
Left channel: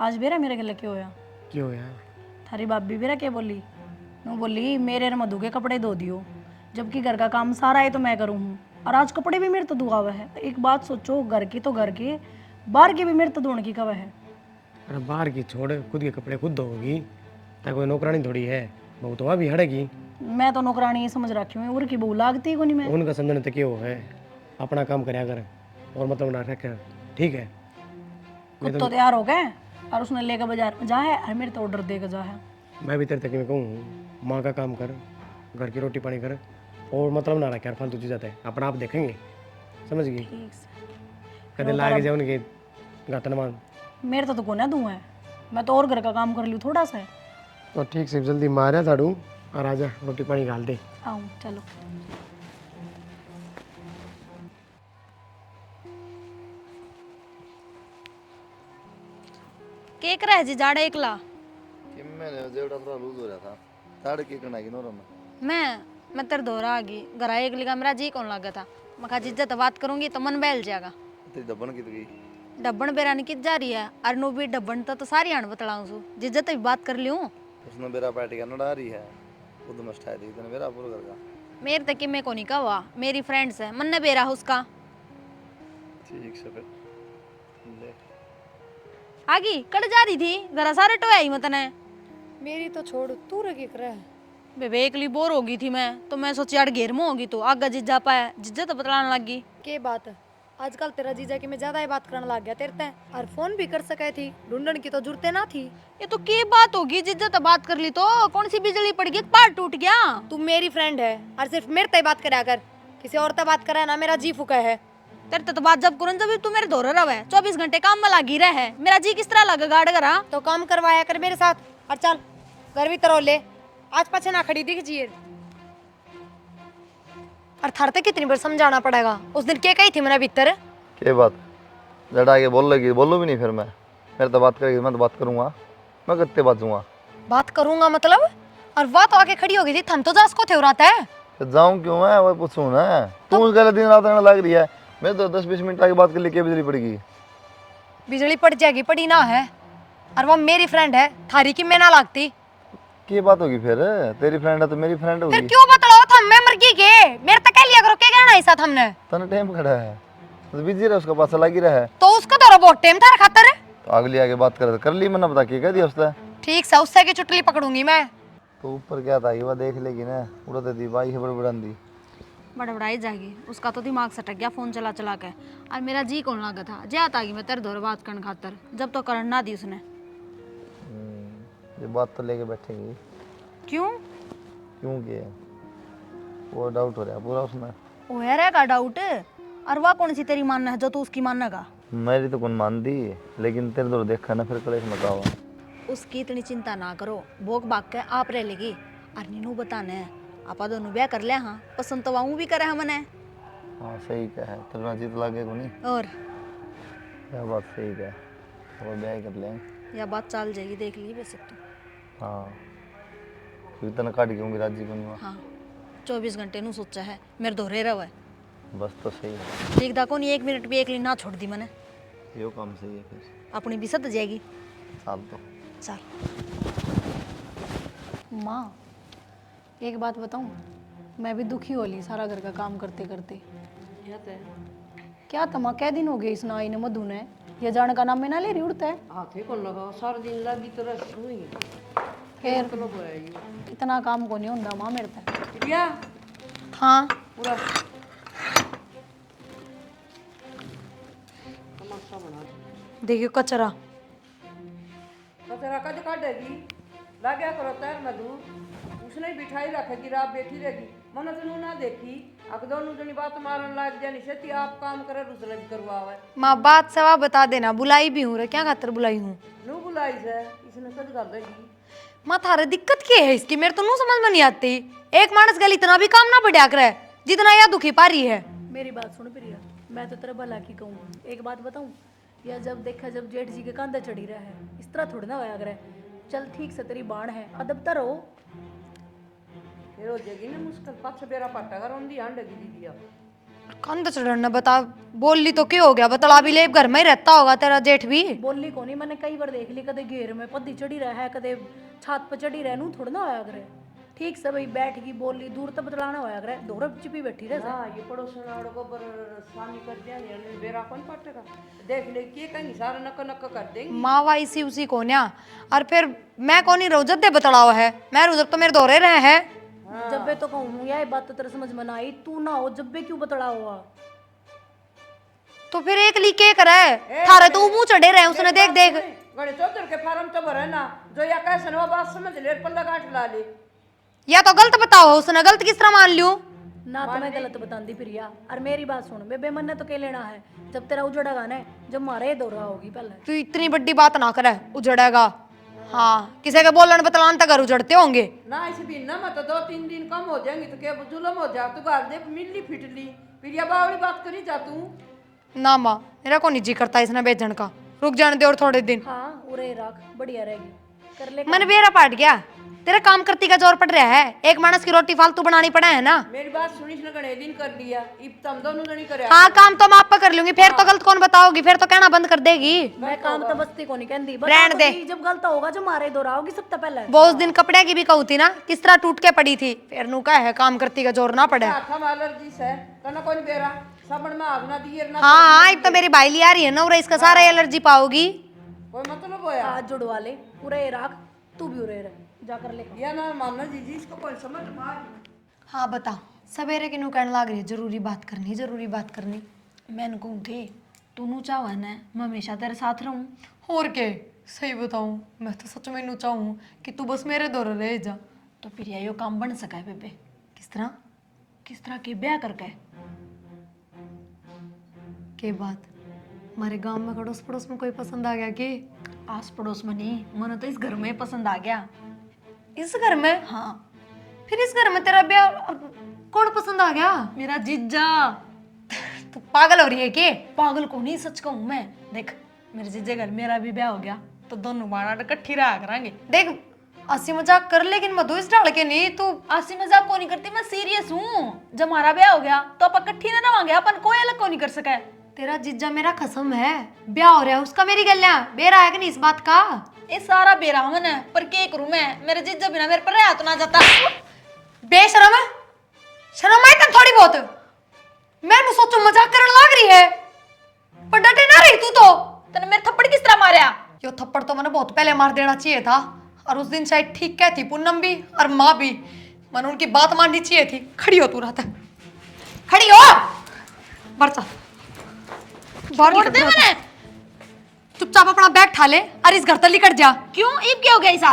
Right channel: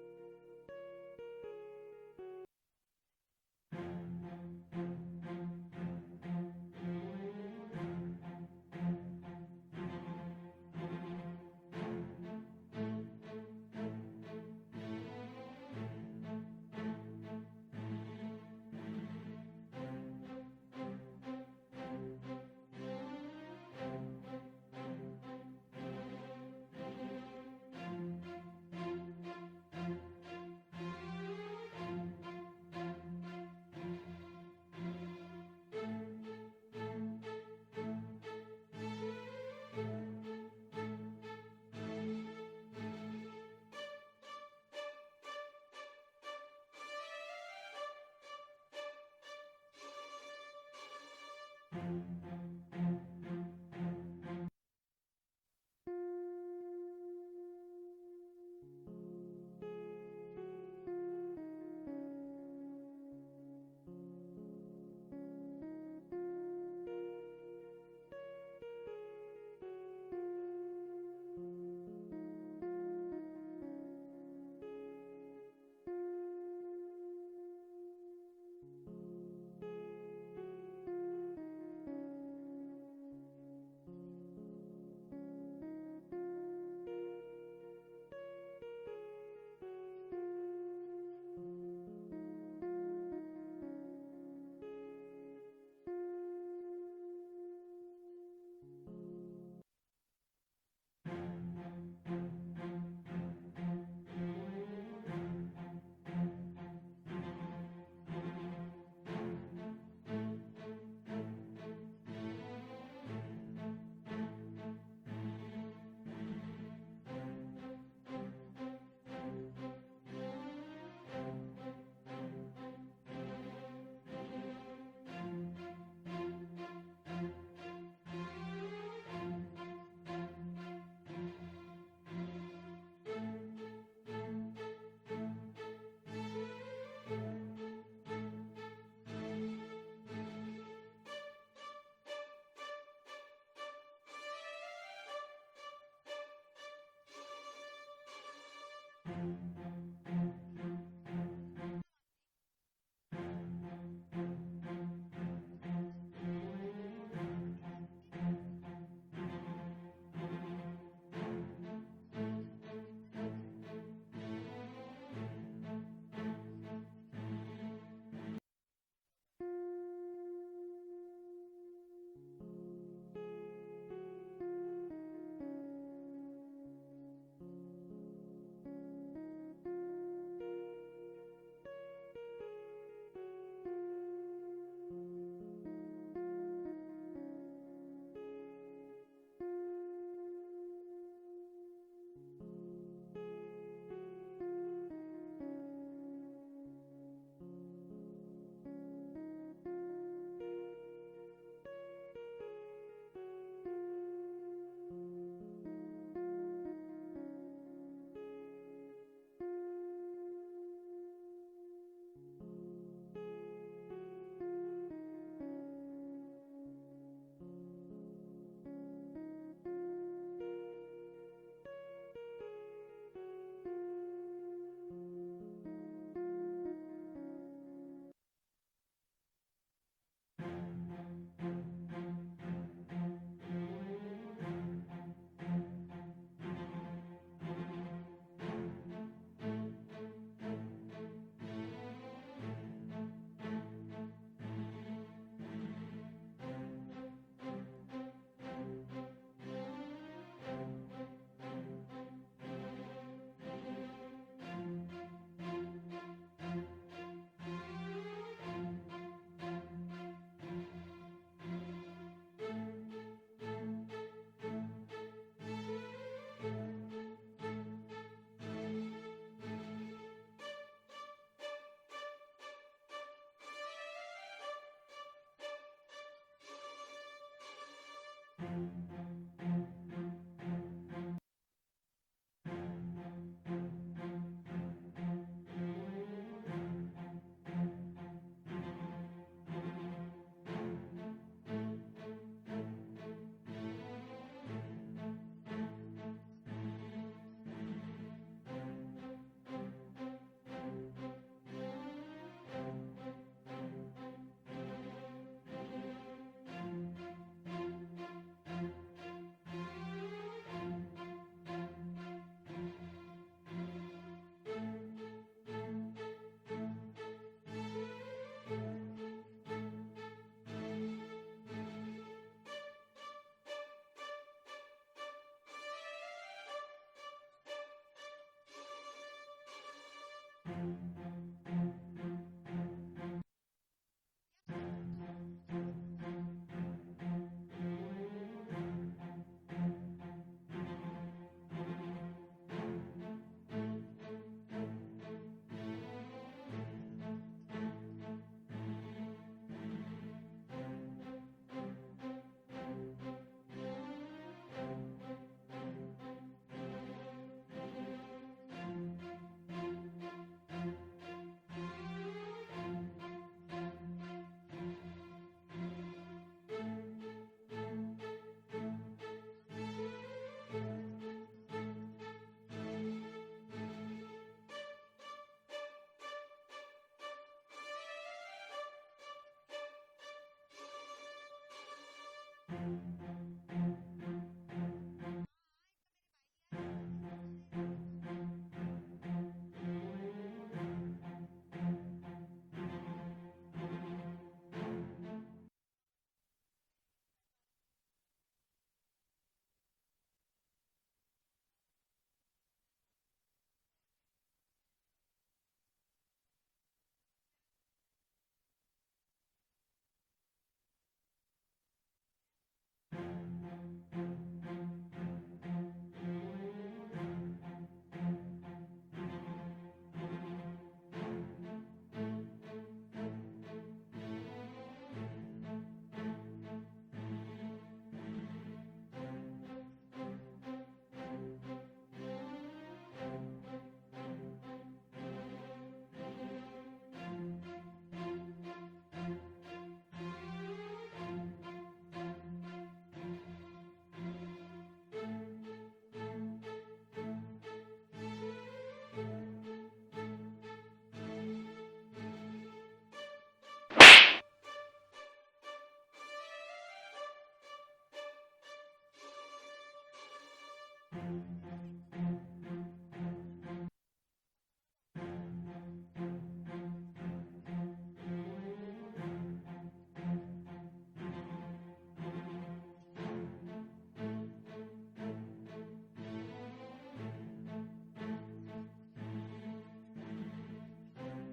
आज बेरा मेरे गले क्यों होया? क्यों यार? थारी भाभी बेरा क्या बोली? मैं बोली मेरे और मधु के कपड़े धो दियो, जबकि घर का काम सारा है तो मैं करूँ हूँ, और आज कपड़े भी मेरे तो धुआ हुआ है। एक बात सोचो, घर की तो घर के, बाहर के भी मेरे तो धोने की कब है। अरे बाहर की छोड़, खुद के कपड़े खुद धोगी, ताकि कोई नौकरानी थोड़ी है, बहू तो वहाँ भी हड़ेगी। मैं तो नौकरानी ही समझ रखी हूँ, उर की बहू लागती है को नहीं मैं। उनका समझने तक क्यों है, अपना काम करया कर और मतलब ना रख, ठीक है। खुद तो तैयार हो गए और उसने लेकर बाजार में जा है और मेरे तो ऑर्डर देकर जा है। मैं भी तेरे तक में कहूँ, माँ का काम कर, घर की रोटी पानी कर, और मतलब ना रख यार फालतू चीज़ आता है, अपना आप देखेंगे, समझ गई। ठीक से। कदे लागे जाओ उनके गातन मान। मेरे तो गुना दूँ है, मैं तो और घर का काम कर लूँ थोड़ा सा। तो ठीक से जल्दी मारा झाड़ू और आजा रोटी पानी डाल दे। आऊँ चलो। केक रहा है जी जाड़ा एकला। कि मैंने जेवड़ा थोड़ा लूज हो रहा था, ताड़ के करना की नोरा में। मैं तेरे दोहरा आ गई, घर एक लिखा मेरा जी कौन लगा था। मैं कहा जिज्जत बात करूंगी तो मन बहल जाएगा। तेरी दबन की गई। डब्बन बेरानी कित जा रही है, अरनू भी डब्बन तो सारी आण बतलाऊं सु, जिज्जत भी बात कर लियूं। उसने मेरा पार्टी का नड़ा रही है, खुद मस्ट है दी तने मेरा पूरा कर का। मेरे तक कि मैं को नहीं कहा, मेरी फ्रेंड्स है, मन ने बेरा उसका। ठीक से फिर ले। आगी कट जा रही थी, घर सारे टोयाई मत ने। मेरी तो छोड़, तू रखी कर बेबे एकली बोर हो गई थी मैं, तो मैं सोची यार घेर में होगी तो आगा जिज्जा पाया, जिज्जत बतलाने लग गई। के बात आजकल तेरा जीजा की मैं ज्यादा ही बात करने लग गया तेरे ते, और फोन भी कर सके थी, ढूंढन की तो जरूरत ना थी। ये तो की बात होगी, जिज्जत बात कर ली तो कौन सी बिजली पड़ गई, पार टूट गया। तू मेरी फ्रेंड है और सिर्फ मेरे ते बात करा कर, किसी और ते बात करे ना मेरा जी फुका है। तेरे तो बात जब करूं जब तू मेरे दोहरा रहा है, 24 घंटे काम में लगी रहा है, मेरा जी किस तरह लगा गाड़ करा। तो काम करवाया कर मेरे साथ, और चल घर भी तरह ले, आज पाछे ना खड़ी दिख जिए। और थार तक कितनी बार समझाना पड़ेगा, उस दिन क्या कही थी मैंने भीतर। के बात लड़ा के बोल लगी, बोलो भी नहीं फिर मैं। मेरे तो बात करेगी, मैं तो बात करूंगा, मैं कितने बात दूंगा। बात करूंगा मतलब, और वह तो आके खड़ी हो गई थी, थम तो जास को थे उराता है। तो जाऊं क्यों मैं, वो पूछूं ना। तू उस गलत दिन रात रहने लग रही है, मैं तो 10-20 मिनट आगे बात कर ली, क्या बिजली पड़ेगी। बिजली पड़ जाएगी, पड़ी ना है, और वो मेरी फ्रेंड है, थारी की मैं ना लागती। की बात होगी फिर, तेरी फ्रेंड है तो मेरी फ्रेंड फिर होगी। क्यों बतलाओ थम, मैं मर गई के मेरे तक कह लिया करो, क्या कहना ऐसा हमने। तने टाइम खड़ा है तो बिजी रहे, उसका पास लगी रहा है। तो उसका तो बहुत टाइम था खातर। तो अगली आगे बात कर ली, मैंने बता के कह दिया उसने। ठीक से उससे की चुटली पकड़ूंगी मैं। तो ऊपर क्या था, ये वो देख लेगी ना, उड़ते दी बाई है बड़बड़ांदी। बड़बड़ाई जाएगी, उसका तो दिमाग सटक गया फोन चला चला के, और मेरा जी कौन लगा था, जात आ गई मैं तेरे दोहरा बात करने खातर, जब तो करन ना दी उसने। ये बात तो लेके बैठेंगी। क्यों? क्यों के वो डाउट हो रहा है पूरा उसमें। ओ यार है का डाउट, और वह कौन सी तेरी मानना है जो तू उसकी मानेगा। मेरी तो कौन मान दी, लेकिन तेरे दो देखा ना फिर कलेश मत आओ। उसकी इतनी चिंता ना करो, भोग भाग के आप रह लेगी, और नीनू बताने आपा दोनों ब्याह कर लिया। हाँ पसंद तो वाऊ भी करे हमने। हाँ सही क्या है, तेरा जीत लागे को नहीं। और क्या बात सही क्या है, और ब्याह कर लें। यह बात चल जाएगी, देख ली वैसे तो। हाँ इतना काट क्यों राजी को नहीं। हाँ 24 घंटे नू सोचा है, मेरे दोहरे रहो है। बस तो सही है, देखदा को नहीं, 1 मिनट भी एकली ना छोड़ दी मैंने। यो काम सही है फिर। अपनी भी सद जाएगी। साल तो चल माँ एक बात बताऊँ, मैं भी दुखी हो ली सारा घर का काम करते करते। क्या तमा कै दिन हो गए इस नाई ने मधु ने, ये जाने का नाम में ना ले रही उड़ता है। हाथे को लगाओ सारा दिन लगी तो रस हुई फिर इतना काम को नहीं होता माँ मेरे तक। दिया हाँ पूरा देखियो कचरा। कचरा कद काटेगी लाग्या करो तैर मधु उसने बिठाई रखेगी रात बैठी रहेगी मन तनु ना देखी अब दोनों जनी बात मारन लाग जानी से आप काम करे दूसरे करवावे। माँ बात सवा बता देना, बुलाई भी हूँ रे, क्या खातर बुलाई हूँ? नू बुलाई से इसने सद कर देगी। माँ थारे दिक्कत क्या है इसकी, मेरे तो नू समझ में नहीं आती। एक मानस गल इतना भी काम ना बढ़िया करे जितना यह दुखी पा रही है। मेरी बात सुन प्रिया, मैं तो तेरा भला की कहूँ, एक बात बताऊँ, या जब देखा जब जेठ जी के कंधे चढ़ी रहा है इस तरह थोड़ी ना होया करे। चल ठीक से तेरी बाण है, अदब तो रहो। ये हो जाएगी ना मुश्किल पाछे बेरा पट्टा कर ओंदी आंड गिरी दिया। कंध चढ़ना बता, बोल ली तो क्या हो गया? बतला भी ले, घर में ही रहता होगा तेरा जेठ भी। बोली को नहीं, मैंने कई बार देख ली, कदे घेर में पद्दी चढ़ी रहा है, कदे छात पर चढ़ी रहे, नू थोड़ा ना होया करे। ठीक से भाई बैठ गई बोली, दूर तक बतलाना होया करे, दोरा चिपी बैठी रहे। हां ये पड़ोसन वालों को पर सानी कर दिया ने बेरा कौन पट्टेगा देख ले के कहीं सारा नक नक कर देंगे। माँ वाई सी उसी को न्या, और फिर मैं कौन ही रोजत दे बतलावा है, मैं रोजत तो मेरे दोरे रहे हैं। जब बे तो कहूँ यार बात तो तेरे समझ में ना आई, तू ना हो जब बे क्यों बतला हुआ? तो फिर एक ली के करे थारे तो मुंह चढ़े रहे उसने, देख देख। गणे चौधर के फार्म तो भरे ना जो या कैसे नवा बात समझ ले पल्ला गांठ ला ले। या तो गलत बताओ, उसने गलत किस तरह मान लियो? ना तो मैं गलत बताती प्रिया, और मेरी बात सुन, बेबे मन ने तो क्या लेना है, जब तेरा उजड़ेगा ना, जब मारे दौरा होगी पहले। तू इतनी बड़ी बात ना करे, उजड़ेगा। हाँ किसी के बोलन बतलान तक घर उजड़ते होंगे ना। इस भी ना मत 2-3 दिन कम हो जाएंगे तो क्या जुलम हो जा, तू घर देख मिलनी फिटली फिर या बावली बात करी जा तू ना। माँ मेरा को नहीं जी करता इसने बेचन का, रुक जाने दे और थोड़े दिन। हाँ उरे रख, बढ़िया रहेगी, कर ले। मन बेरा पाट गया, तेरे काम करती का जोर पड़ रहा है, एक मानस की रोटी फालतू बनानी पड़ा है ना। मेरी बात सुनिस ना गणे दिन कर दिया इब तुम दोनों जनी करे। हाँ काम तो मैं आप पे कर लूंगी, फिर तो गलत कौन बताओगी, फिर तो कहना बंद कर देगी। मैं काम तो बस्ती को नहीं कहती, रहने दे। जब गलत होगा जब मारे दौरा होगी सबसे पहले। वो उस दिन कपड़े की भी कहू थी ना, किस तरह टूट के पड़ी थी, फिर नु का है काम करती का जोर ना पड़े। हाथ में एलर्जी से तना कोई बेरा सबन में आग ना दिए ना। हाँ हाँ अब तो मेरी बाइली आ रही है ना, और इसका सारा एलर्जी पाओगी। कोई मतलब होया हाथ जुड़वा ले, उरे रख, तू भी उरे रह, जाकर ले। या ना मानना जी इसको कोई समझ मार। हाँ बता, सवेरे की नु कहने लग रही है जरूरी बात करनी, जरूरी बात करनी। मैंने कहूँ थे तू नू चाहवा ना मैं हमेशा तेरे साथ रहूँ। और के सही बताऊं, मैं तो सच में नु चाहूं कि तू बस मेरे दौर रह जा। तो फिर यो काम बन सका है बेबे। किस तरह? किस तरह के ब्याह करके? के बात हमारे गांव में अड़ोस पड़ोस में कोई पसंद आ गया कि? आस पड़ोस में नहीं, मन तो इस घर में पसंद आ गया। इस घर में? हाँ फिर इस घर में तेरा ब्याह कौन पसंद आ गया? मेरा जीजा। तू पागल हो रही है के? पागल को नहीं, सच कहूँ मैं। देख मेरे जीजे घर मेरा भी ब्याह हो गया तो दोनों माना इकट्ठी रहा करांगे। देख हंसी मजाक कर, लेकिन मधु इस डाल के नहीं। तू हंसी मजाक को नहीं करती, मैं सीरियस हूँ। जब हमारा ब्याह हो गया तो अपन इकट्ठी ना रवांगे, अपन कोई अलग को नहीं कर सका। तेरा जीजा मेरा कसम है, ब्याह हो रहा है उसका, मेरी गलियां बेरा है कि नहीं इस बात का? ये सारा बेरा मन है, पर के करूं मैं, मेरे जीजा बिना मेरे पर रहा तो ना जाता। बेशरम है, शर्म आई तन थोड़ी बहुत। मैं नु सोचू मजाक करने लग रही है, पर डटे ना रही तू तो। तने मेरे थप्पड़ किस तरह मारया? यो थप्पड़ तो मैंने बहुत पहले मार देना चाहिए था, और उस दिन शायद ठीक कहती पूनम भी और माँ भी, मैंने उनकी बात माननी चाहिए थी। खड़ी हो तू रात, खड़ी हो। बरचा छोड़ दे मैंने। चुपचाप अपना बैग ठा ले और इस घर तक निकट जा। क्यों ईब क्या हो गया ऐसा?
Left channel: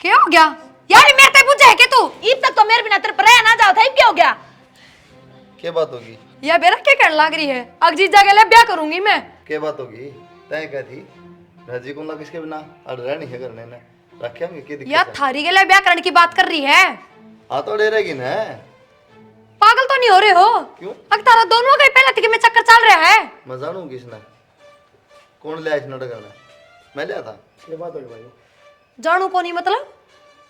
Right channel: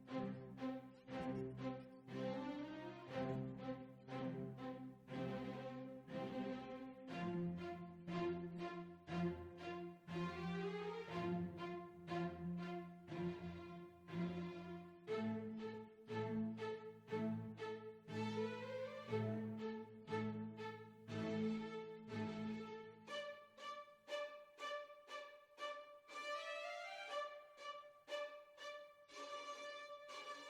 क्या हो गया यार, मेरे तक बुझे है के तू? ईब तक तो मेरे बिना तेरे पर रह ना जाओ था, ईब क्या हो गया? क्या बात होगी? ये बेरा क्या करने लग रही है? अगजी जगह ले ब्याह करूंगी मैं। क्या बात होगी? तय क्या थी राजी को ना किसके बिना अड़ रहनी है करने ने रखे होंगे की दिक्कत यार है? थारी के लिए ब्याह करने की बात कर रही है। हाँ तो डरेगी ना। पागल तो नहीं हो रहे हो? क्यों? अगर तारा दोनों का ही पहले थी कि मैं चक्कर चल रहा है। मैं जानू किसने कौन ले आया इस नाटक में? मैं लिया था। ये बात होगी भाई। जानू को नहीं मतलब?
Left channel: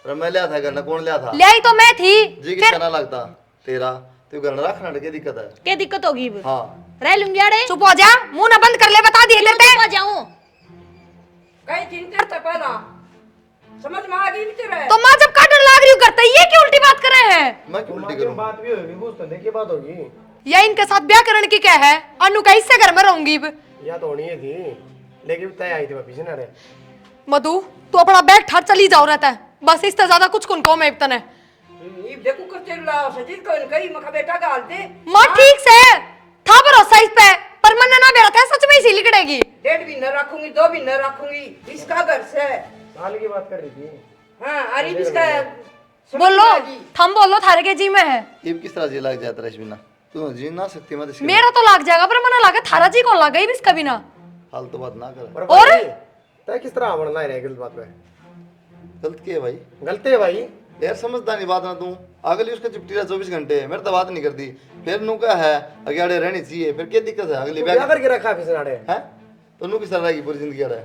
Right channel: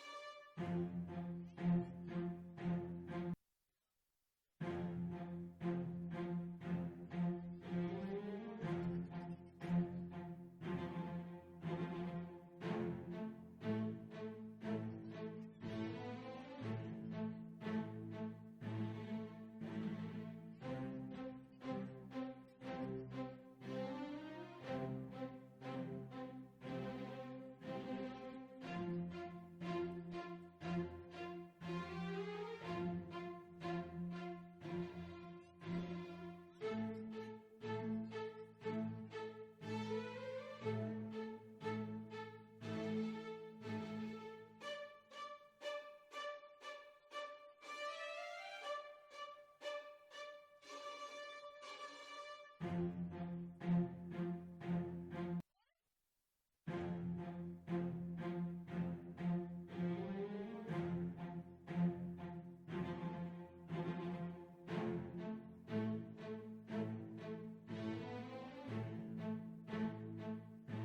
अरे मैं लिया था करना, कौन लिया था? ले आई तो मैं थी। जी किसका ना लगता तेरा, तू घर रखना क्या दिक्कत है? क्या दिक्कत होगी? हाँ रह लूंगी अड़े। चुप हो जा, मुंह ना बंद कर ले, बता दिए लेते चुप हो जाऊं। कहीं चिंता था पहला समझ में आ गई भी तेरे। तो माँ जब काटने लग रही हूँ करते ये क्यों उल्टी बात कर रहे हैं? मैं क्यों उल्टी करूं? बात भी होगी कुछ तो देखिए बात होगी। या इनके साथ ब्याह करने की क्या है? अनु का इससे घर में रहूंगी। या तो होनी है थी लेकिन तय आई थी वापिस ना रे। मधु तू अपना बैग ठाट चली जाओ रहता है, बस इससे ज्यादा कुछ कुन को मैं इतने। इब देखो करते लाओ सजीद को कहीं मखा बेटा गाल दे। माँ ठीक से था भरोसा इस पे, पर मन ना बेरा था सच में इसी लिकड़ेगी। 1.5 महीना रख रखूंगी, 2 महीने रखूंगी, इसका घर से। साल की बात कर रही थी। हाँ, अरे इसका बोलो, थम बोलो, थारे के जी में है। इब किस तरह जी लग जाता है बिना तू जी ना सकती मत इसके मेरा तो लग जाएगा, पर मना लगा थारा जी कौन लगा इसका बिना। फालतू बात ना कर। और तय किस तरह बनना है गलत बात पे? गलत की है भाई? गलती है भाई। यार समझदा नहीं बात ना तू। अगली उसका चुपटी रहा 24 घंटे मेरे तो बात नहीं करती, फिर नु का है अगेड़े रहनी चाहिए, फिर क्या दिक्कत है? अगली क्या करके रखा फिर नाड़े है तो नु किस तरह रहेगी पूरी जिंदगी अड़े?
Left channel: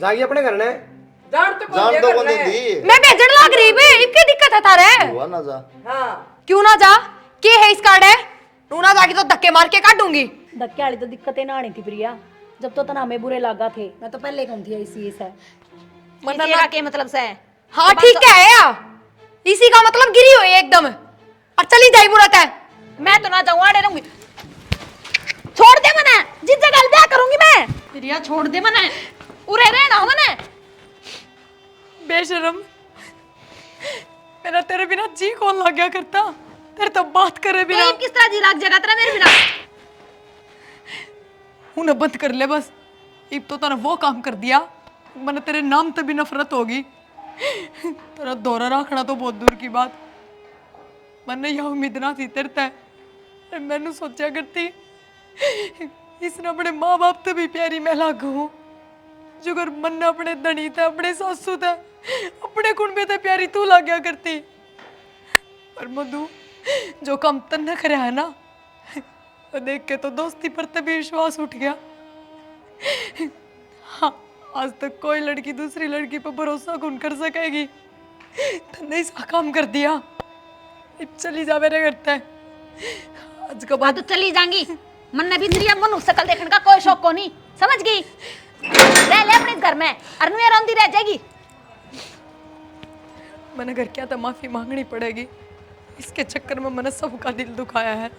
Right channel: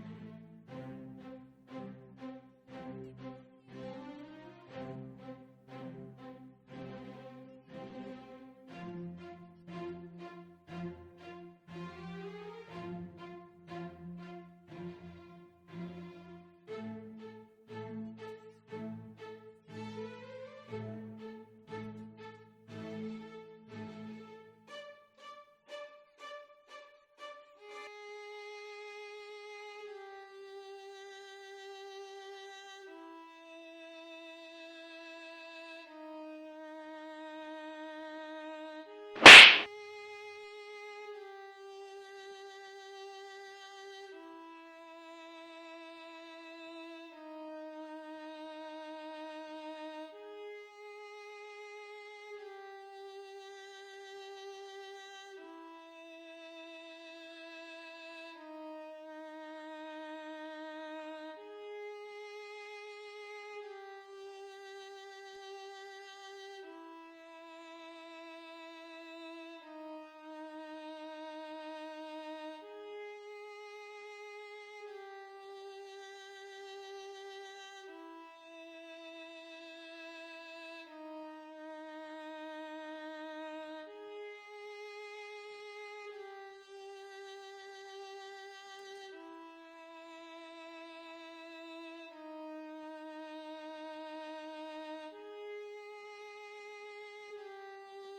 जागी अपने घर ने। जान तो जान तो कौन दी? मैं भेजन लग रही बे, इनकी दिक्कत है थारे। हुआ ना जा। हाँ, क्यों ना जा? के है इस कार्ड है? तू ना जागी तो धक्के मार के काटूंगी। धक्के वाली तो दिक्कतें ना आनी थी प्रिया, जब तो तना हमें बुरे लगा थे, मैं तो पहले कौन थी इसी से। मना के मतलब से है। हाँ ठीक है यार, इसी का मतलब गिरी हुई है एकदम, और चली जाई बुरत है। मैं तो ना जाऊँ, आड़े रहूंगी। छोड़ दे मने, जिस जगह ब्याह करूंगी मैं। प्रिया छोड़ दे मने, उरे रहना मने। बेशरम, मेरा तेरे बिना जी कौन लग गया करता, तेरे तो बात करे बिना। तो किस तरह जी लाग जगह तेरा मेरे बिना। उन्हें बंद कर ले बस। इब तो तने वो काम कर दिया, मैंने तेरे नाम से भी नफरत होगी। तेरा दौरा रखना तो बहुत दूर की बात, मैंने यह उम्मीद ना थी तेरे ते। मैंने सोचा करती इसने अपने माँ बाप से भी प्यारी मैं लागू हूँ, जो अगर मन अपने धनी थे, अपने सासू थे, अपने कुंबे ते प्यारी तू लाग गया करती। पर मधु, जो काम तन्ने करया है ना, वो देख के तो दोस्ती पर तभी विश्वास उठ गया। हाँ, आज तक कोई लड़की दूसरी लड़की पर भरोसा कौन कर सकेगी? तन्ने इसका काम कर दिया, अब चली जा मेरे घर ते। आज के हाँ बाद तो चली जाएंगी, मन ने भी तेरी मनु शकल देखने का कोई शौक को नहीं, समझ गई? रह ले अपने घर में, अरनुया रोंदी रह जाएगी। मैंने घर क्या था माफी मांगनी पड़ेगी, इसके चक्कर में मैंने सबका दिल दुखाया है।